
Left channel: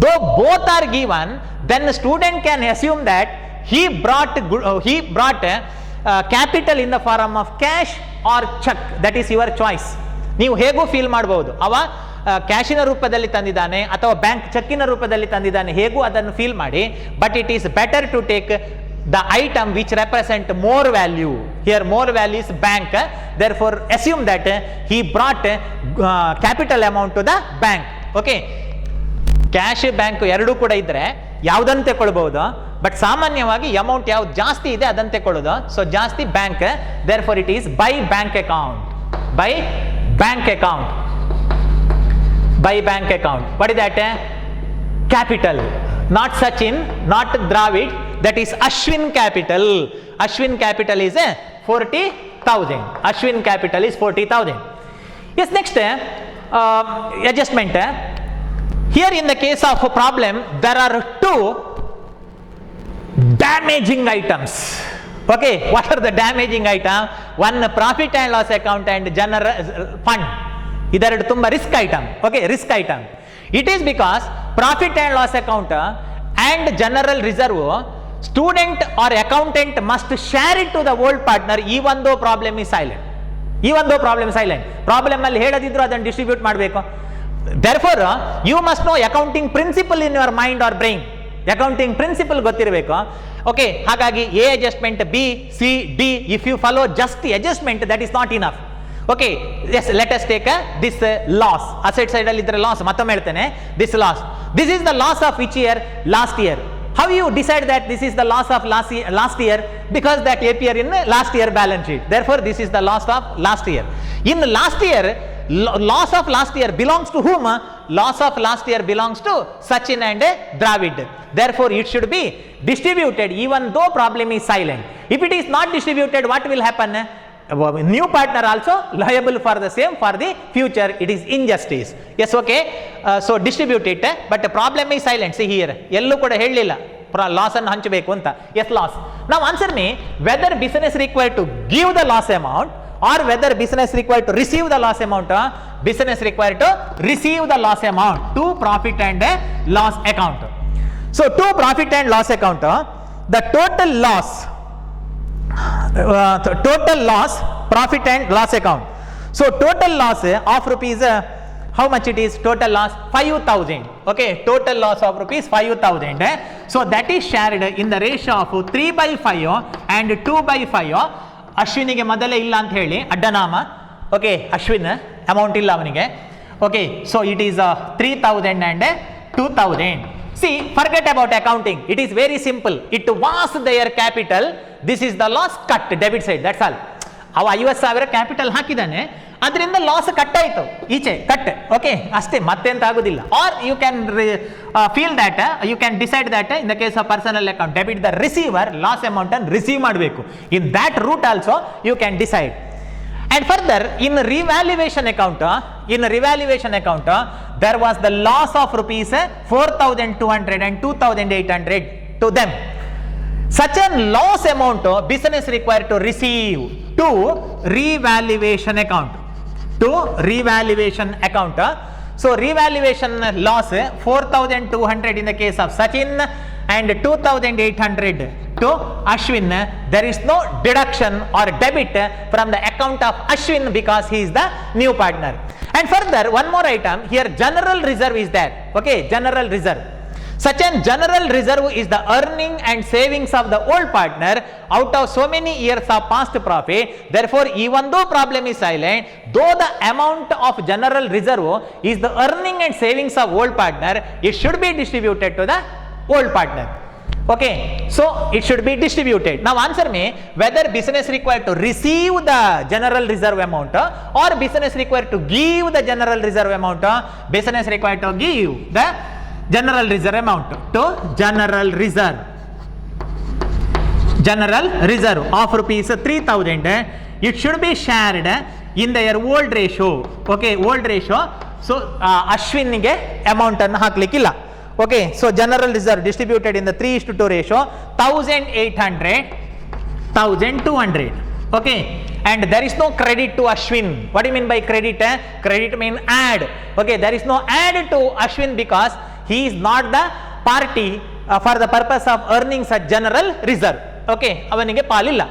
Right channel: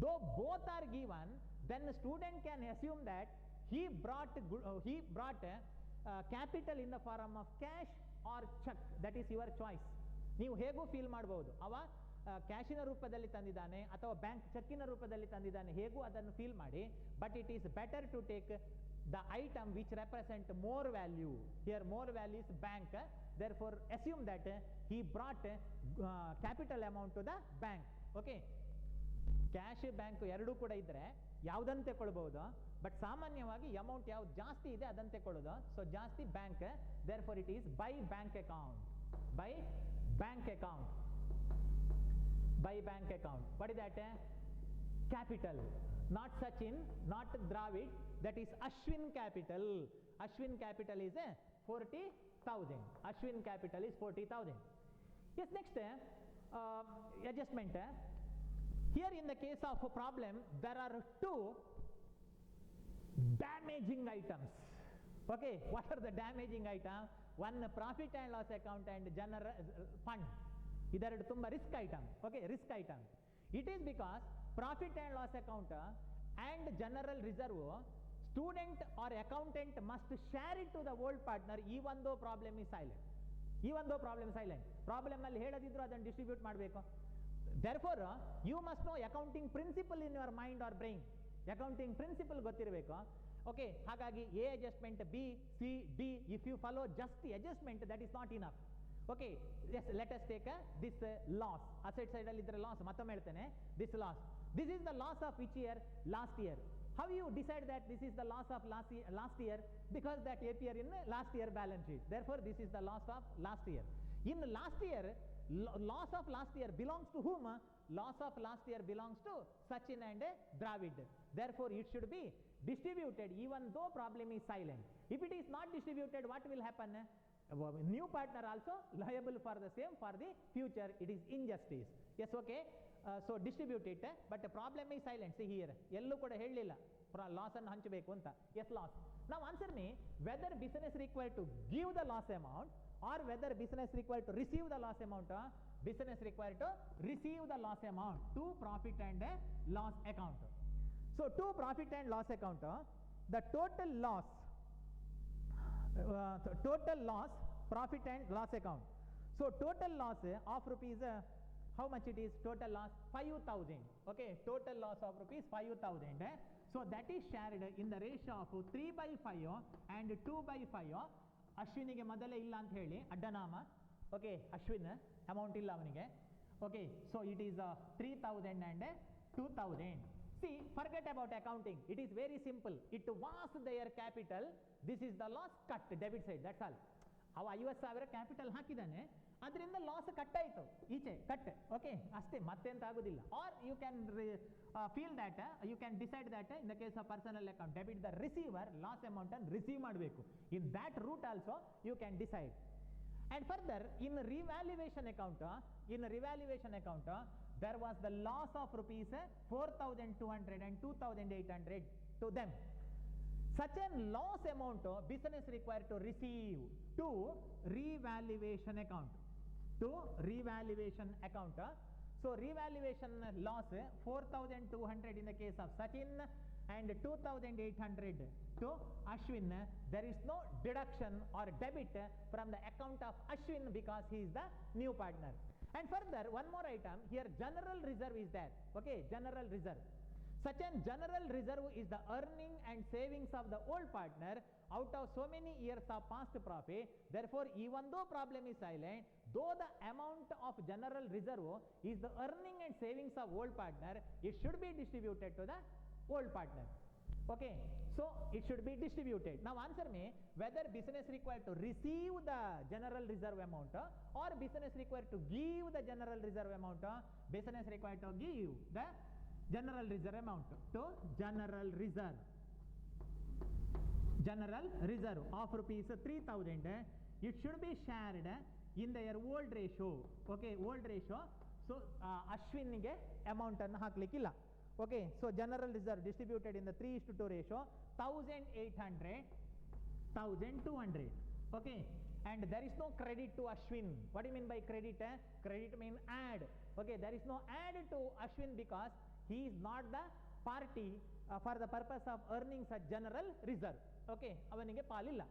Though both are given, then the student can assume that he brought capital in the form of cash or check. That is your choice. ನೀವು ಹೇಗೂ feel ಮಾಡಬಹುದು. ಅವ ಕ್ಯಾಶಿನ ರೂಪದಲ್ಲಿ ತಂದಿದ್ದಾನೆ ಅಥವಾ bank ಚೆಕ್ಕಿನ ರೂಪದಲ್ಲಿ ತಂದಿದ್ದಾನೆ, ಹೇಗೂ ಅದನ್ನು ಫೀಲ್ ಮಾಡಿ. But it is better to take the item which represent more value. Here more value is bank, therefore assume that he brought capital amount to the bank. Okay, cash bank ಎರಡೂ ಕೂಡ ಇದ್ರೆ ಯಾವುದಂತೆ ಕೊಳ್ಬಹುದು, but ಸಾಮಾನ್ಯವಾಗಿ amount ಯಾವ್ದು ಜಾಸ್ತಿ ಇದೆ ಅದಂತೆ ಕೊಳ್ಳೋದು. So ಜಾಸ್ತಿ bank, therefore it is by bank account. By bank account. By bank account. What is that? Capital. Not Sachin, not Dravid, that is Ashwin capital. Ashwin capital is 40,000. Ashwin capital is 40,000. Yes, next adjustment. Here in the case of a problem, there are two damaging items. Okay, what are the damaging item? One, profit and loss account and general fund. Idaru tumba risk item. Okay, risk item. It is because profit and loss account and general reserve, student or accountant must share it to the old partner even though problem is silent. Even though problem is silent. Problem alli heladiದ್ರು ಅದನ್ನು distribute ಮಾಡಬೇಕು. Therefore you must know accounting principle in your mind or brain. Accounting principle ಗೊತ್ತಿರಬೇಕು. Okay, ಹಾಗಾಗಿ A adjustment, B, C, D, if you follow just the adjustment, that is not enough. Okay, yes, let us take this loss. Asset side ಅಲ್ಲಿ ಇದ್ರೆ loss, ಮತ್ತೊಮ್ಮೆ ಹೇಳ್ತೇನೆ, this loss. This is the loss of which year? Last year. How you decide that this is the loss of last year? Because that appear in last year balance sheet. Therefore this is the loss of last year. In last year, loss of last year belongs to whom? Loss of last year belongs to Sachin and Dravid. Therefore it should be distributed even though problem is silent. If it is not distributed, what will happen? New partner also liable for the same for the future. It is injustice. Yes, okay. So distribute it, but the problem is silent. See here, ಎಲ್ಲೂ ಕೂಡ ಹೇಳಲಿಲ್ಲ loss ಅನ್ನು ಹಂಚಬೇಕು ಅಂತ. Yes, loss. Now answer me whether business required to give the loss amount or whether business required to receive the loss amount. Business required to receive the loss amount to profit and loss account. So to profit and loss account, the total loss, profit and loss account. So total loss of rupees, how much it is? Total loss 5,000. Okay, total loss of rupees 5,000. So that is shared in the ratio of 3/5 and 2/5. ಅಶ್ವಿನಿಗೆ ಮೊದಲೇ ಇಲ್ಲ ಅಂತ ಹೇಳಿ ಅಡ್ಡನಾಮ. Okay, Ashwin amount ಇಲ್ಲ ಅವನಿಗೆ. Okay, so it is 3,000 and 2,000. See, forget about accounting. It is very simple. It was their capital. This is the loss, cut debit side. That's all. ಅವ 50,000 capital ಹಾಕಿದ್ದಾನೆ, ಅದರಿಂದ loss cut ಆಯಿತು, ಈಚೆ cut. Okay, ಅಷ್ಟೇ, ಮತ್ತೆಂತ ಆಗೋದಿಲ್ಲ. Or you can feel that, you can decide that in the case of personal account debit the receiver loss amount ಅನ್ನು receive ಮಾಡಬೇಕು. In that route also you can decide. And further, in revaluation account, there was the loss of rupees 4,200 and 2,800 to them. Such a loss amount business required to receive to revaluation account. So revaluation loss 4,200 in the case of Sachin and 2,800 to Ashwin. There is no deduction or debit from the account of Ashwin because he is the new partner. And further, one more item here, general reserve is there. Okay, general reserve. Such a general reserve is the earning and savings of the old partner out of so many years of past profit. Therefore, even though problem is silent, though the amount of general reserve is the earning and savings of old partner, it should be distributed to the old partner. Okay, so it should be distributed. Now answer me whether business required to receive the general reserve amount or business required to give the general reserve amount. Business required to give the general reserve amount to general reserve of rupees 3,000. It should be shared in their old ratio. Okay, old ratio. So Ashwinige amount ಅನ್ನು ಹಾಕ್ಲಿಕ್ಕಿಲ್ಲ. Okay, so general reserve distributed in the 3:2 ratio, 1,800, 1,200. Okay, and there is no credit to Ashwin. What do you mean by credit? Credit mean add. Okay, there is no add to Ashwin because he is not the party for the purpose of earning such general reserve. Okay, ಅವನಿಗೆ ಪಾಲಿಲ್ಲ.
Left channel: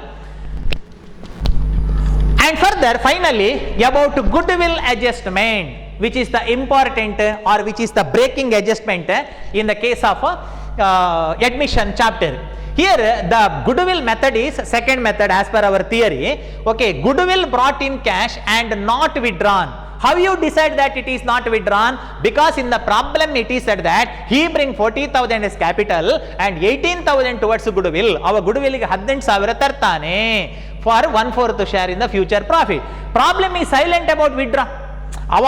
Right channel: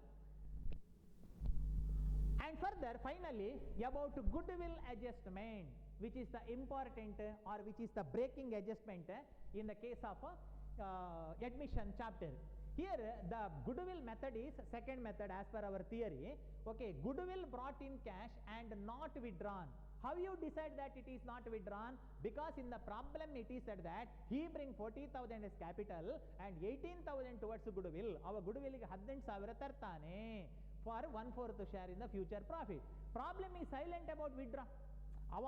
And further, finally, about goodwill adjustment, which is the important or which is the breaking adjustment in the case of admission chapter. Here the goodwill method is second method as per our theory. Okay, goodwill brought in cash and not withdrawn. How you decide that it is not withdrawn? Because in the problem it is said that he bring 40,000 as capital and 18,000 towards goodwill. Our goodwill ಗೆ 18,000 ತರ್ತಾನೆ for 1/4 share in the future profit. Problem is silent about withdraw. ಅವ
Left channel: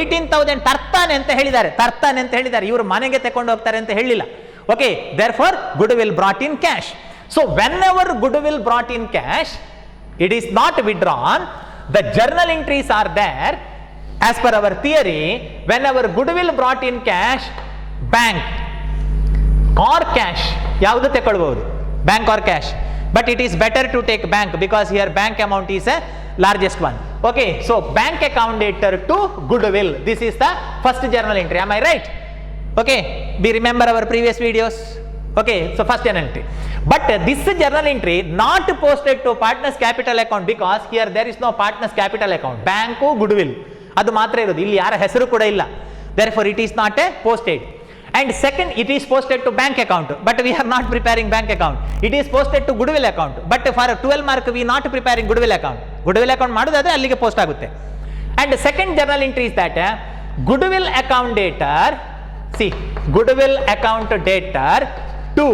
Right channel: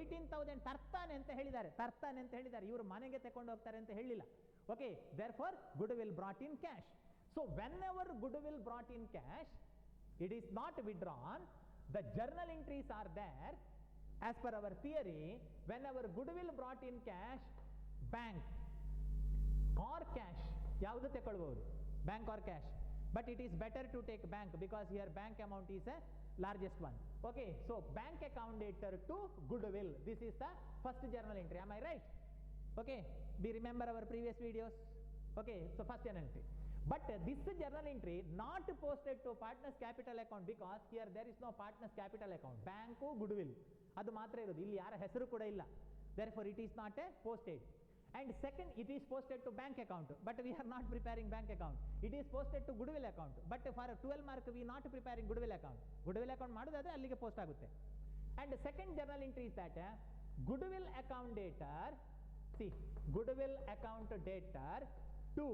18,000 ತರ್ತಾನೆ ಅಂತ ಹೇಳಿದ್ದಾರೆ, ಇವರು ಮನೆಗೆ ತಕೊಂಡು ಹೋಗ್ತಾರೆ ಅಂತ ಹೇಳಿಲ್ಲ. Okay, therefore goodwill brought in cash. So whenever goodwill brought in cash, it is not withdrawn. The journal entries are there. As per our theory, whenever goodwill brought in cash, bank or cash, ಯಾವುದು ತಗೊಳ್ಬಹುದು, bank or cash, but it is better to take bank because here bank amount is a largest one. Okay, so bank account debtor to goodwill, this is the first journal entry. Am I right? Okay, we remember our previous videos. Okay, so first journal entry, but this journal entry not posted to partners capital account because here there is no partners capital account. Bank goodwill ಅದು ಮಾತ್ರ ಇರೋದು, ಇಲ್ಲಿ ಯಾರ ಹೆಸರು ಕೂಡ ಇಲ್ಲ. Therefore it is not a posted. And second, it is posted to bank account, but we are not preparing bank account. It is posted to goodwill account, but for 12 mark we not preparing goodwill account. Goodwill account ಮಾಡೋದಾದ್ರೆ ಅಲ್ಲಿಗೆ post ಆಗುತ್ತೆ. And second journal entry is that goodwill account debtor, see, goodwill account debtor to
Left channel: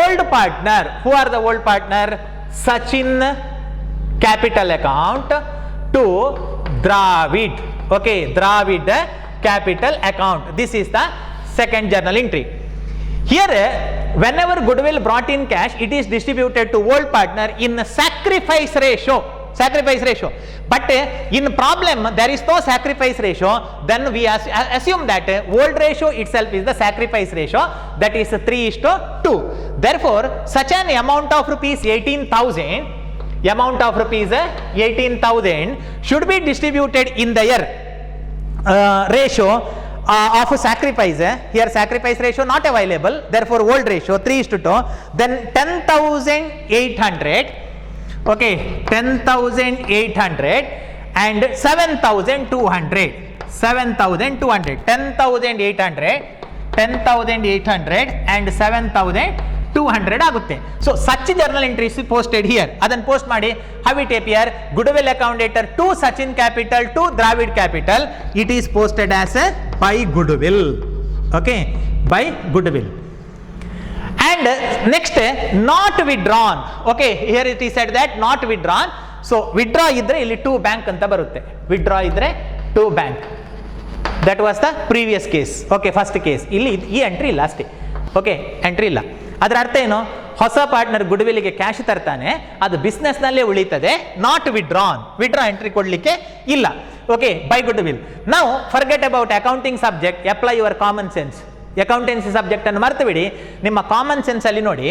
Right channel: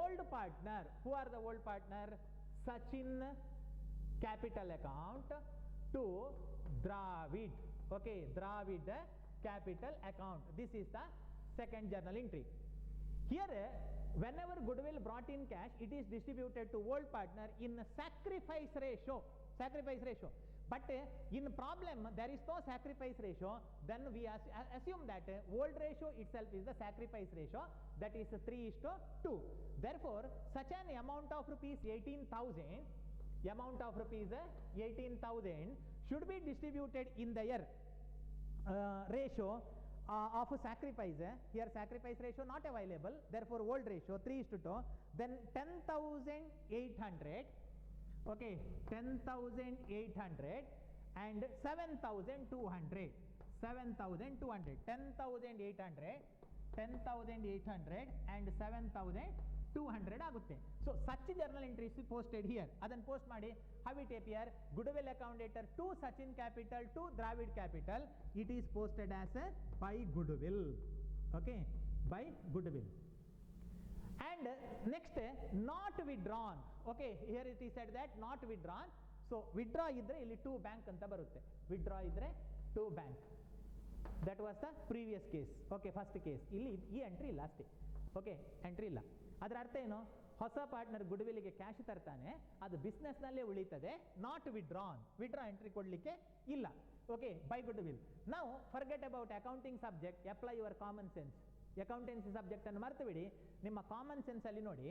old partner. Who are the old partner? Sachin capital account to Dravid. Okay, Dravid capital account. This is the second journal entry. Here whenever goodwill brought in cash, it is distributed to old partner in sacrifice ratio. But in problem there is no sacrifice ratio, then we assume that old ratio itself is the sacrifice ratio, that is 3:2. Therefore such an amount of rupees 18,000 should be distributed in the year ratio of sacrifice. Here sacrifice ratio not available, therefore old ratio 3:2. Then 10,800, okay, 10,800 and 7,200, 10,800 and 7,200 ಆಗುತ್ತೆ. So such journal entries posted here, ಅದನ್ನು post ಮಾಡಿ. How it appear? Goodwill account debtor to Sachin capital to Dravid capital, it is posted as a by goodwill. Okay, by goodwill. And next, not withdrawn. Okay, here it is said that not withdrawn. So withdraw ಇದ್ರೆ ಇಲ್ಲಿ to bank ಅಂತ ಬರುತ್ತೆ. withdraw ಇದ್ರೆ to bank. That was the previous case. Okay, first case. ಇಲ್ಲಿ ಈ entry ಇಲ್ಲ ಅಷ್ಟೇ. Okay, entry ಇಲ್ಲ. ಅದರ ಅರ್ಥ ಏನು? ಹೊಸ ಪಾರ್ಟ್ನರ್ ಗುಡ್ವಿಲ್ಗೆ ಕ್ಯಾಶ್ ತರ್ತಾನೆ, ಅದು ಬಿಸ್ನೆಸ್ ನಲ್ಲೇ ಉಳಿತದೆ. ನಾಟ್ ವಿಡ್ರಾನ್, ವಿಡ್ರಾ ಎಂಟ್ರಿ ಕೊಡ್ಲಿಕ್ಕೆ ಇಲ್ಲ. Okay, by goodwill. ನಾವು forget about accounting subject, apply your common sense. Accountancy subject ಅನ್ನು ಮರೆತು ಬಿಡಿ, ನಿಮ್ಮ ಕಾಮನ್ ಸೆನ್ಸ್ ಅಲ್ಲಿ ನೋಡಿ.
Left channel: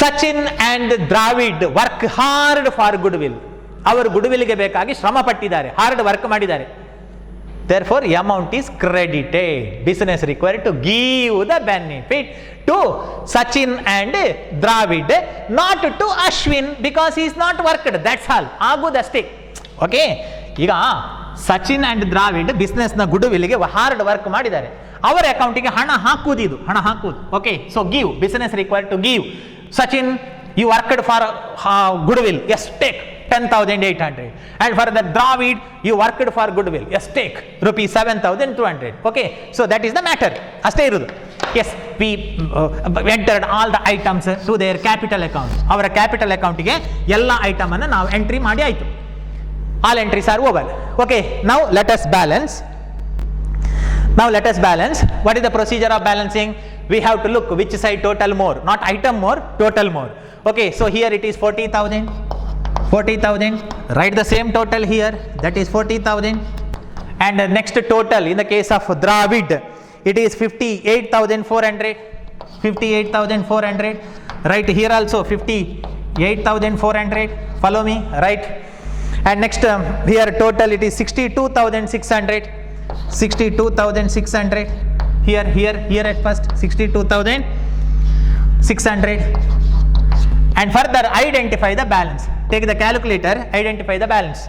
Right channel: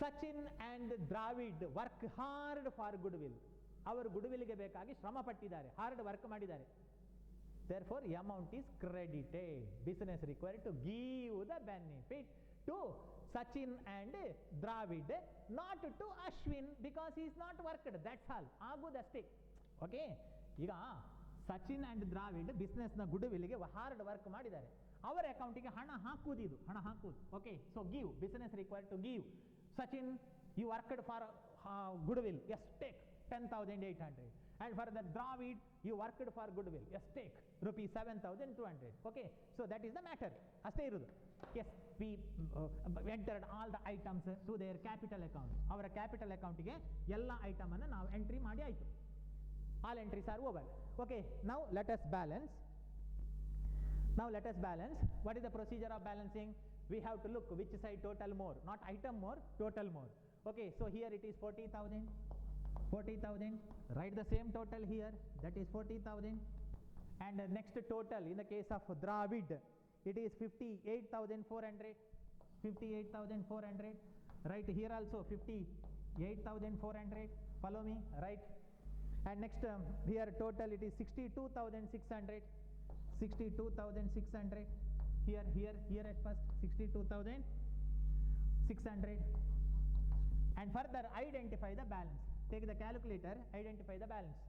Sachin and Dravid work hard for goodwill. ಅವರು ಗುಡ್ವಿಲ್ಗೆ ಬೇಕಾಗಿ ಶ್ರಮ ಪಟ್ಟಿದ್ದಾರೆ, ಹಾರ್ಡ್ ವರ್ಕ್ ಮಾಡಿದ್ದಾರೆ. Therefore amount is credited. Business required to give the benefit to Sachin and Dravid, not to Ashwin because he is not worked. That's all. ಆಗುದಷ್ಟೇ. Okay, ಈಗ Sachin and Dravid business ನ ಗುಡ್ವಿಲ್ಗೆ hard work ಮಾಡಿದ್ದಾರೆ, ಅವರ ಅಕೌಂಟಿಗೆ ಹಣ ಹಾಕುವುದು. Okay, so give, business required to give. Sachin, you worked for goodwill, yes take 10,800, and for the Dravid you worked for goodwill, yes take rupees 7,200. okay, so that is the matter. ಅಷ್ಟೇ ಇರುವುದು. yes, we entered all the items to their capital account. ಅವರ capital ಅಕೌಂಟಿಗೆ ಎಲ್ಲ item ಅನ್ನು ನಾವು entry ಮಾಡಿ ಆಯಿತು. all entries are over. okay, now let us balance. What is the procedure of balancing? We have to look which side total more, not item more, total more. okay, so here it is 40,000. Write the same total here, that is 40,000. and next total in the case of Dravid, it is 58,400. Write here also 58,400. follow me, right? and next here total it is 62,600. here at first 62,600. and further identify the balance. Take the calculator, identify the balance.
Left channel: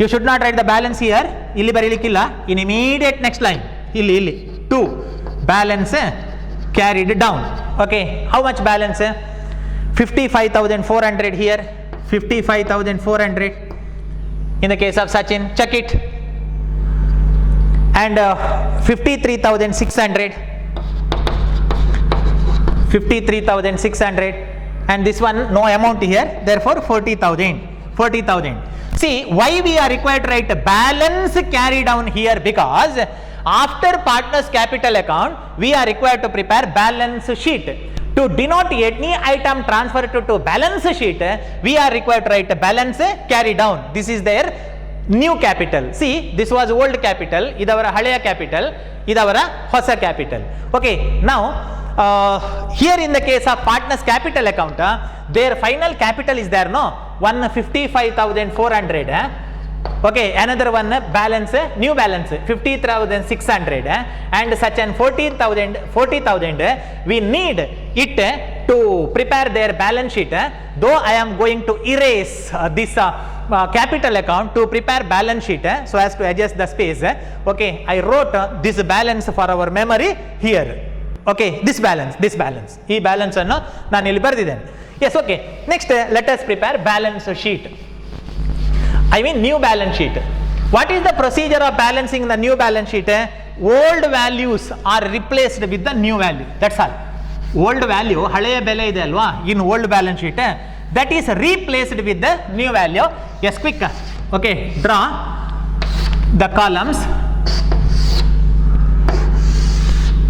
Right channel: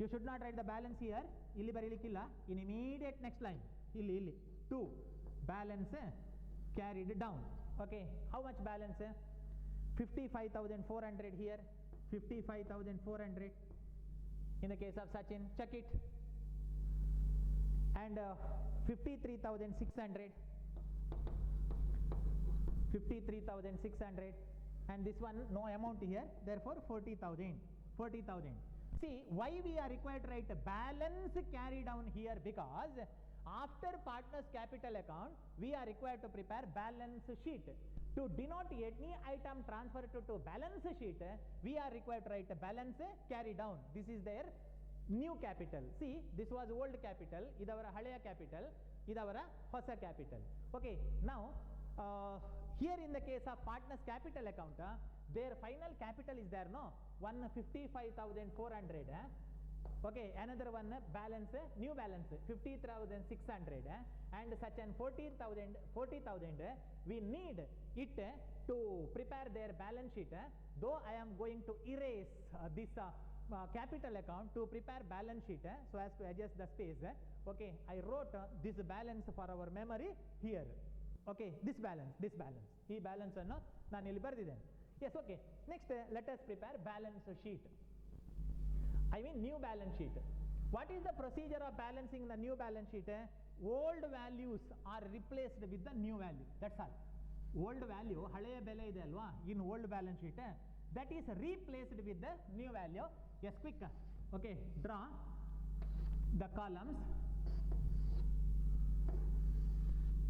You should not write the balance here, ಇಲ್ಲಿ ಬರೀಲಿಕ್ಕಿಲ್ಲ. in immediate next line, ಇಲ್ಲಿ 2 balance carried down. Okay, how much balance? 55,400 here, 55,400 in the case of Sachin, check it, and 53,600, 53,600, and this one no amount here, therefore 40,000. See, why we are required to write balance carry down here? Because after partners capital account, we are required to prepare balance sheet. To denote any item transferred to balance sheet, we are required to write balance carry down. This is their new capital. See, this was old capital, idavara haleya capital, idavara hosa capital. Okay, now here in the case of partners capital account, their final capital is there, no? 155,400. Okay, another one balance, new balance 50,600, and such an 40,000. We need it to prepare their balance sheet. Though I am going to erase this capital account to prepare balance sheet, so as to adjust the space. Okay, I wrote this balance for our memory here. Okay, this balance, ee balance anno nanu illi bardiddene. Yes, okay. Next, let us prepare balance sheet. I mean new balance sheet. What is the procedure of balancing the new balance sheet? Old values are replaced with the new value. That's all. Old value, haleya bele ide alva, in old balance sheet, that is replaced with the new value. Yes, quick. Okay, draw the columns.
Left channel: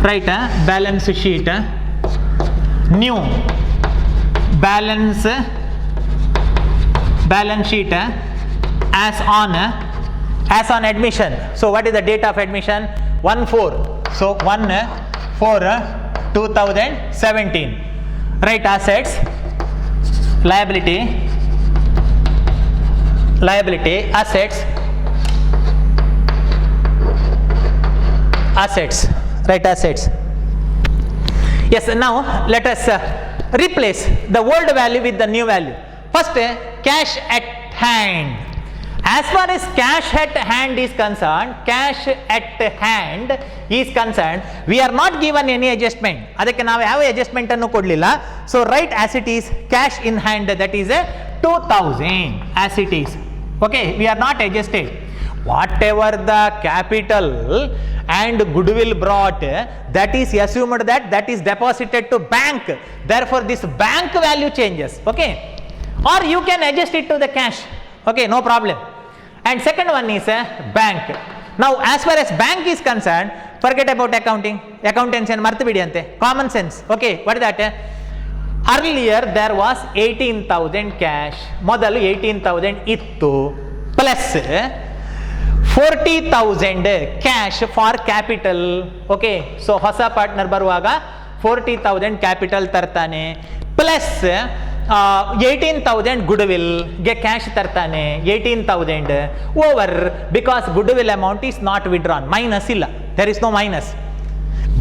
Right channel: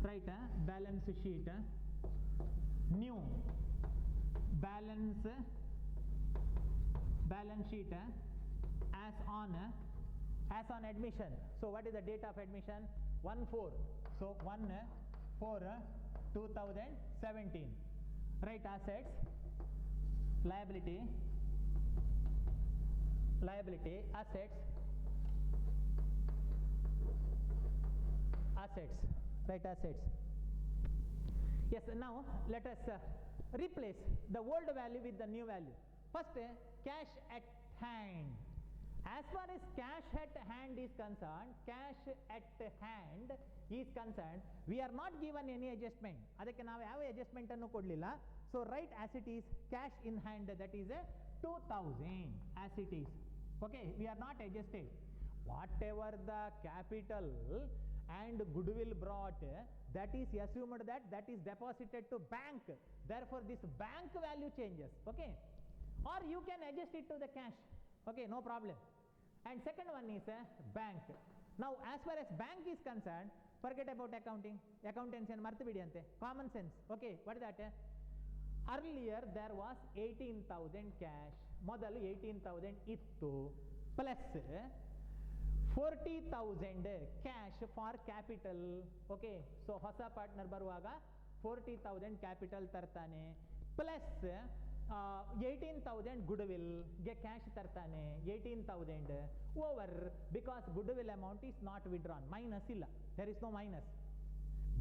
Write balance sheet, new balance sheet as on admission. So what is the date of admission? 1/4. So 1/4/2017. Write assets, liability, assets. Write assets. Yes, now let us replace the old value with the new value. First, cash at hand. As far as cash at hand is concerned, we are not given any adjustment. Adakke ನಾವು ಯಾವ adjustment ಅನ್ನು ಕೊಡಲಿಲ್ಲ. So write as it is, cash in hand, that is 2,000 as it is. Okay, we are not adjusted. Whatever the capital and goodwill brought, that is assumed that is deposited to bank. Therefore this bank value changes. Okay, or you can adjust it to the cash. Okay, no problem. And second one is bank. Now as far as bank is concerned, forget about accounting, accountants and marthu bidi ante, common sense. Okay, what is that? Earlier there was 18,000 cash, modalu 18,000 ittu, plus 40,000 cash for capital. Okay, so hosa partner baruvaga 40,000 capital tartane, plus 18,000 goodwill ge cash tartane, 18,000 over, because goodwill amount is not withdrawn, minus illa, there is no minus.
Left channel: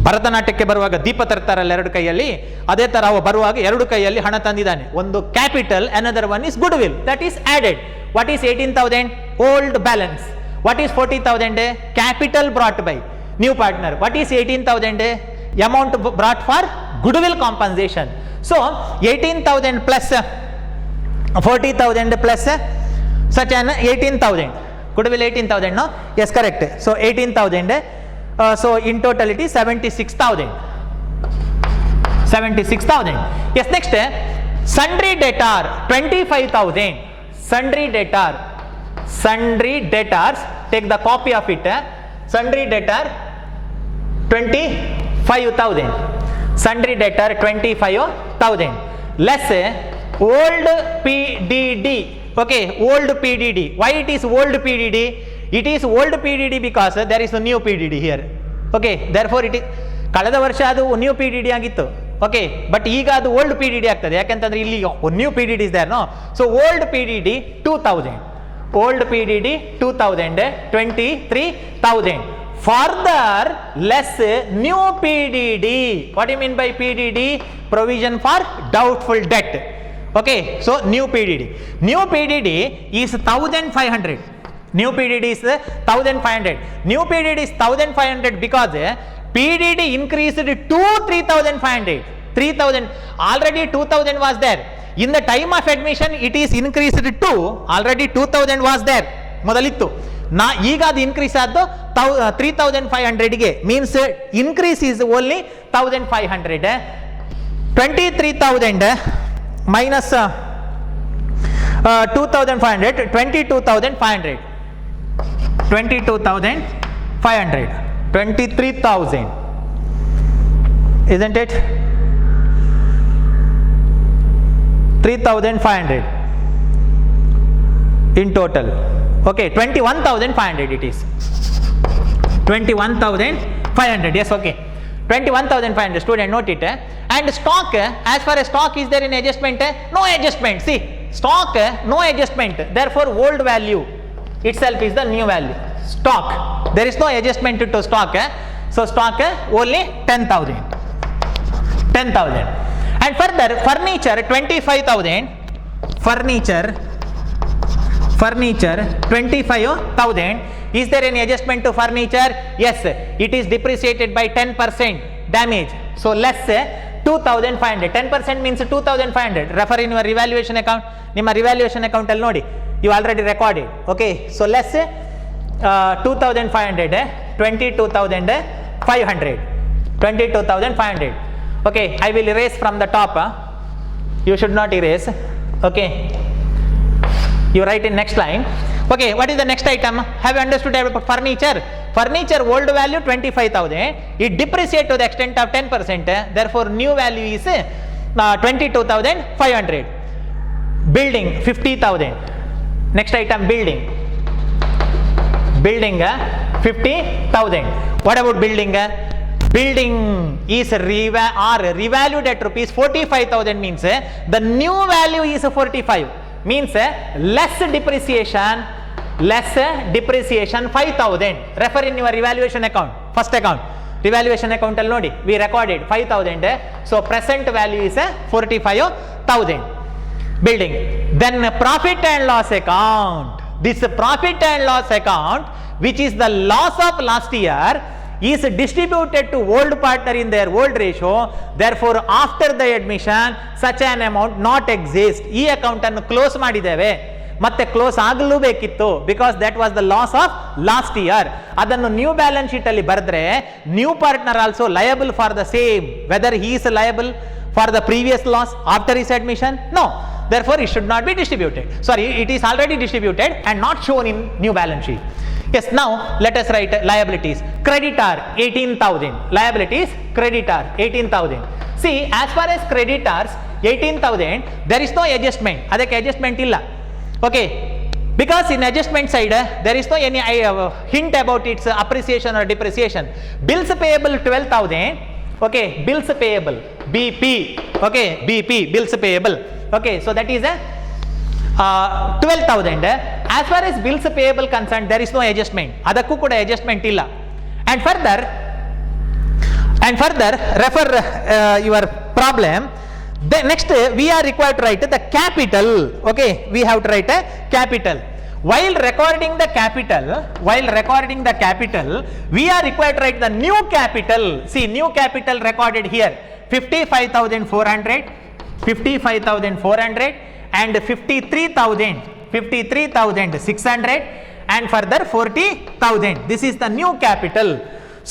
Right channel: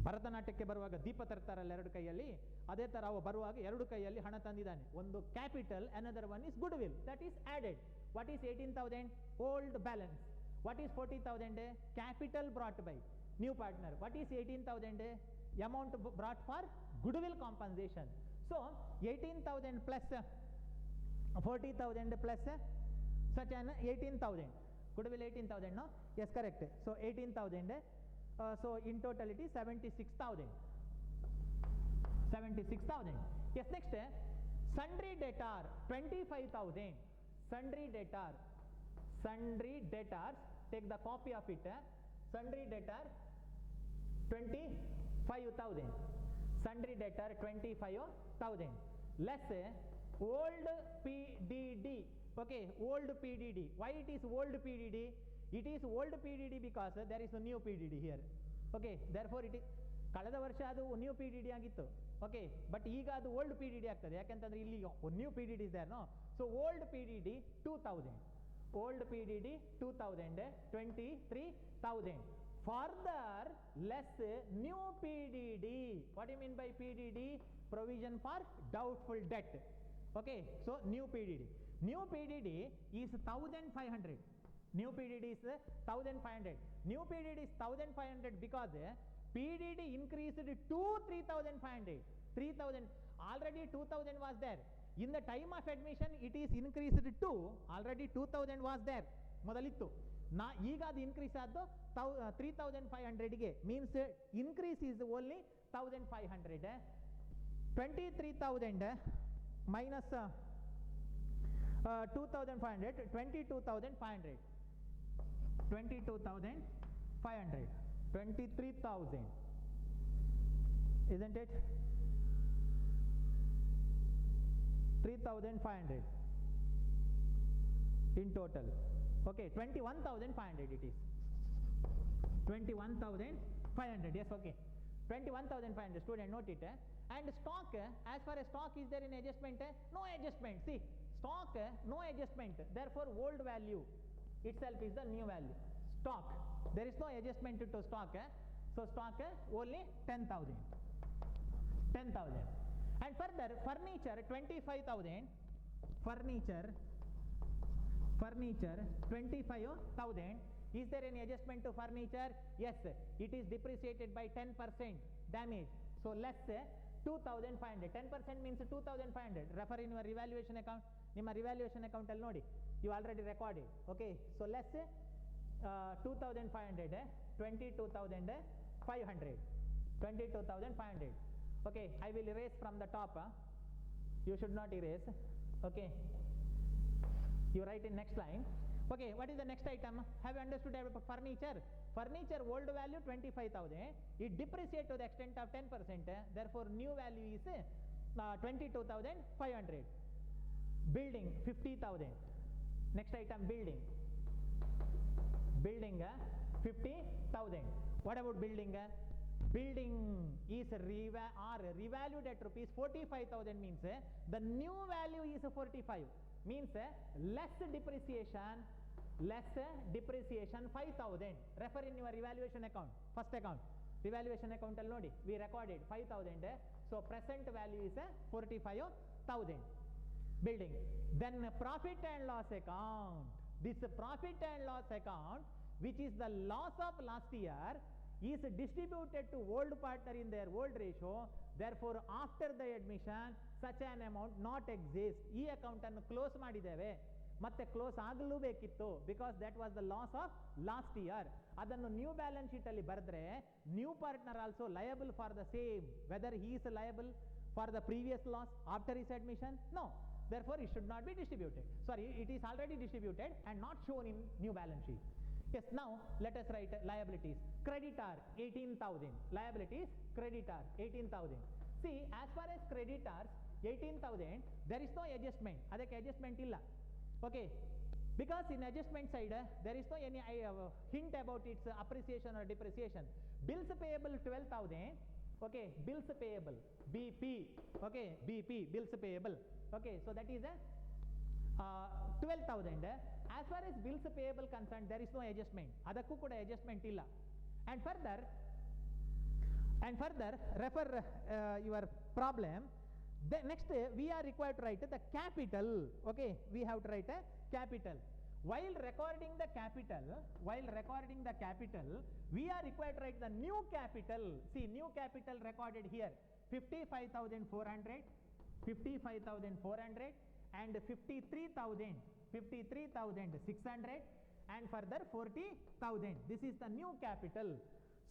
ಭರತನಾಟ್ಯಕ್ಕೆ ಬರುವಾಗ ದೀಪ ತರ್ತಾರಲ್ಲ ಎರಡು ಕೈಯಲ್ಲಿ, ಅದೇ ತರ ಅವ ಬರುವಾಗ ಎರಡು ಕೈಯಲ್ಲಿ ಹಣ ತಂದಿದ್ದಾನೆ, ಒಂದು capital, another one is goodwill, that is added. What is 18,000? Old balance. What is 40,000? Capital brought by new partner. What is 18,000? Amount brought for goodwill compensation. So 18,000 plus 40,000 plus such an 18,000. Goodwill 18,000, no? Yes, correct. So 18,000. So in totality 76,000. 76,000. Yes, next sundry debtor 25,000. Sundry debtors, take the copy of it. Sundry debtor 25,000. Sundry debtor 25,000 less old PDD. Okay, old PDD. Why it is old PDD? It is old PDD because there is a new PDD here. Okay, therefore it is ಕಳೆದ ವರ್ಷ ಅದು new PDD ಆಗಿತ್ತು. Okay, but ಈಗ ಅದು old PDD ಆಗ್ತದೆ, ಯಾಕಂತಂದ್ರೆ ಇಲ್ಲಿ new PDD is there, no? So old PDD 2,000. Old PDD 2,000, 23,000. Further less new PDD. What do you mean by PDD? Provision for doubtful debt. Okay, so new PDD. New PDD is 1,500. New PDD is 1,500. New PDD is 1,500 because PDD increased to 3,500. 3000, already 2000 was there. In the time of admission, it is increased to, already 2000 was there. ಮೊದಲಿತ್ತು. ಈಗ ಅದು increase ಆದ್ದು 3500ಗೆ, means increase is only 1500. 23,000 minus 2,500, 22,500. 22,500, 23,000, isn't it? 3,500 in total. Okay, 21,500 it is. 21,500, yes, okay. 21,500, student note it. And stock, as far as stock, is there in adjustment? No adjustment. See, stock, no adjustment. Therefore, old value itself is the new value. Stock, there is no adjustment to stock. So, stock only 10,000. 10,000. And further, furniture 25,000. Furniture 25,000. Is there any adjustment to furniture? Yes, it is depreciated by 10% damage. So, less 2,500. 10% means 2,500. Refer in your revaluation account. Nimma revaluation account al nodi. You already recorded. Okay. So, less 2,500. 22,500. 22,500. Okay. I will erase from the top. You should not erase. Okay. You write in next line. Okay, what is the next item? Have you understood about furniture? Furniture old value 25,000. It depreciates to the extent of 10%. Therefore, new value is 22,500. Building 50,000. Next item, building. Building 50,000. What about building? Building is revalued at rupees 45,000 means the new value is 45. Means less depreciation 5,000. Refer in your revaluation account, first account, revaluation account al nodi, we recorded 5,000. So present value is 45,000. Building. Then profit and loss account. This profit and loss account, which is the loss of last year, is distributed to old partner in their old ratio. Therefore, after the admission, such an amount not exist. ಈ account ಅನ್ನು close ಮಾಡಿದ್ದೇವೆ, ಮತ್ತೆ close ಆಗಲೂ ಬೇಕಿತ್ತು, because that was the loss of last year. ಅದನ್ನು new balance sheet ಅಲ್ಲಿ ಬರೆದ್ರೆ new partner also liable for the same, whether he is liable for the previous loss after his admission? No. Therefore, it should not be distributed. Sorry, it is already distributed and not shown in new balance sheet. Yes, now let us write liabilities. Creditor 18,000. Liabilities, creditor 18,000. See, as far as creditors 18,000, there is no adjustment. Adake adjustment illa. Okay, because in adjustment side there is no any hint about its appreciation or depreciation. Bills payable 12,000. Okay, bills payable BP. Okay, BP, bills payable. Okay, so that is a 12,000. As far as bills payable concerned, there is no adjustment. Adakku kuda adjustment illa. And further refer your problem. The next we are required to write the capital. Okay, we have to write a capital. While recording the capital, we are required to write the new capital. See, new capital recorded here 55,400, 55,400 and 53,600 and further 40,000. This is the new capital.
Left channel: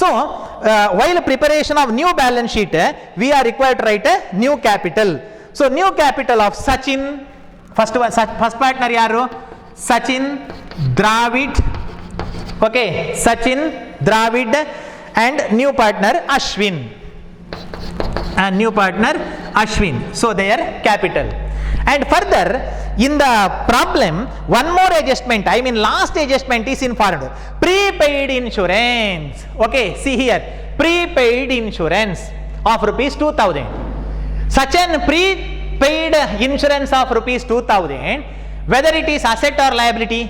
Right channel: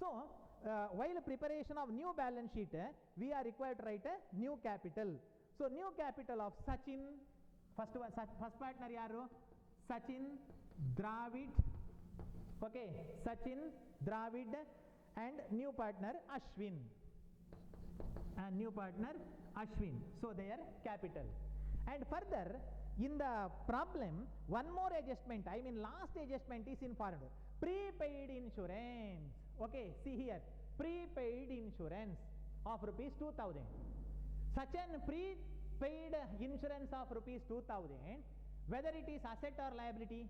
So, while preparation of new balance sheet, we are required to write a new capital. So, new capital of Sachin, first partner yaru? Sachin, Dravid. Okay, Sachin, Dravid and new partner Ashwin. And new partner Ashwin. So, their capital. And further, in the problem, one more adjustment, I mean last adjustment is informed. Prepaid insurance. Okay, see here, prepaid insurance of rupees 2,000. Such an prepaid insurance of rupees 2,000, whether it is asset or liability,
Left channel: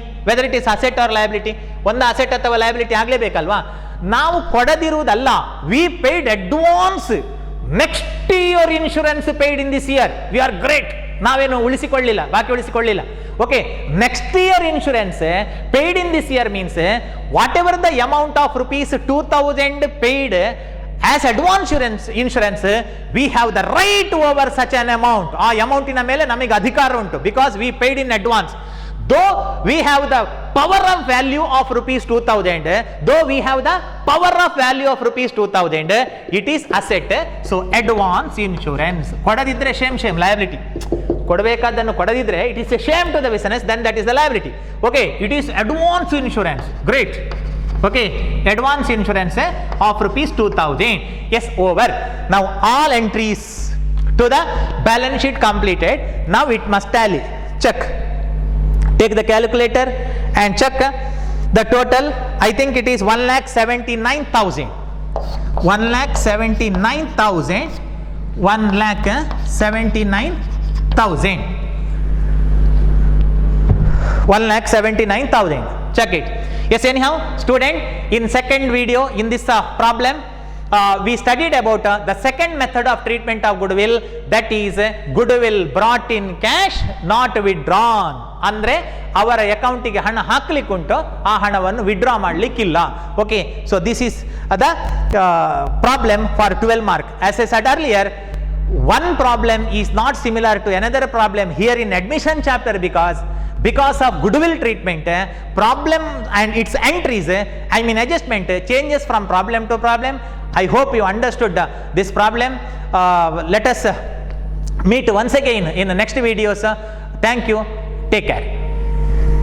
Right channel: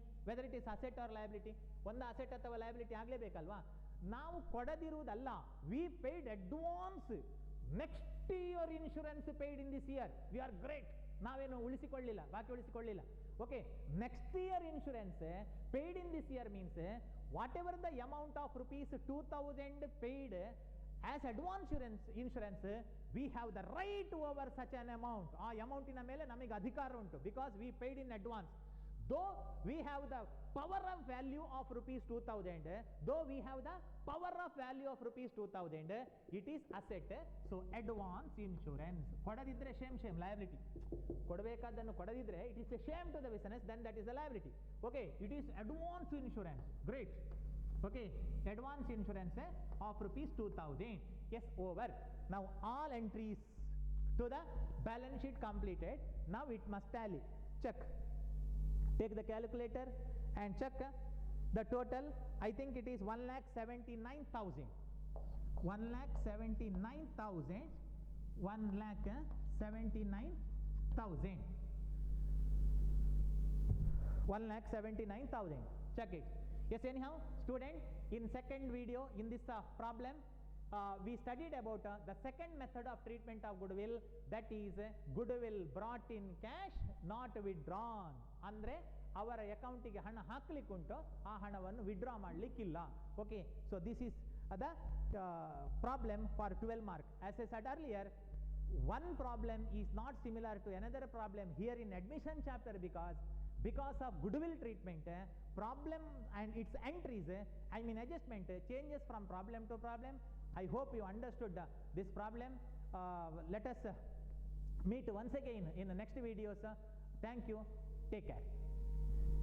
ಒಂದು asset ಅಥವಾ liability ಆಗಲೇಬೇಕಲ್ವಾ? ನಾವು ಕೊಡದಿರುವುದಲ್ಲ, we paid advance. Next year insurance paid in this year, we are great. ನಾವೇನು ಉಳಿಸಿಕೊಳ್ಳಿಲ್ಲ, ಬಾಕಿ ಉಳಿಸಿಕೊಳ್ಳಿಲ್ಲ. Okay, next year insurance paid in this year means whatever the amount of rupees 2,000 paid as advance insurance we have the right over such an amount. ಆ ಅಮೌಂಟಿನ ಮೇಲೆ ನಮಗೆ ಅಧಿಕಾರ ಉಂಟು, because we paid in advance. Though we have the power of value of rupees 2000, though we have the power of value of rupees 2000, it is asset. So advance insurance. ಕೊಡದಿದ್ರೆ shame liability. ಕೊಡಬೇಕಾದನ್ನು ಕೊಡದಿದ್ರೆ it is a shame to the business, then that is the liability. Okay, it is advance insurance. Great. Okay, advance insurance of rupees 2000. Yes, over. Now all entries to the balance sheet completed. Now it must tally. Check. Take the calculator and check the total. I think it is 1,79,000. 1,79,000. 1,79,000. 1,79,000. Check it. Yes, anyhow, student, in second video in this problem, we studied about the second method of treatment of goodwill, that is goodwill brought in cash, not withdrawn. ಅಂದ್ರೆ ಅವರ ಅಕೌಂಟಿಗೆ ಹಣ ಹಾಕ್ಲಿಕ್ಕೆ ಉಂಟು, ಆ ಹಣವನ್ನು withdraw ಮಾಡಲಿಕ್ಕಿಲ್ಲ. Okay, so this is the problem for 12 mark. As I said earlier, one problem is not similar to another problem here in admission chapter, because of goodwill treatment, problem and its entries, I mean adjustment changes from problem to problem. I hope you understood this problem. Let us meet once again in the next videos. Thank you. Take care.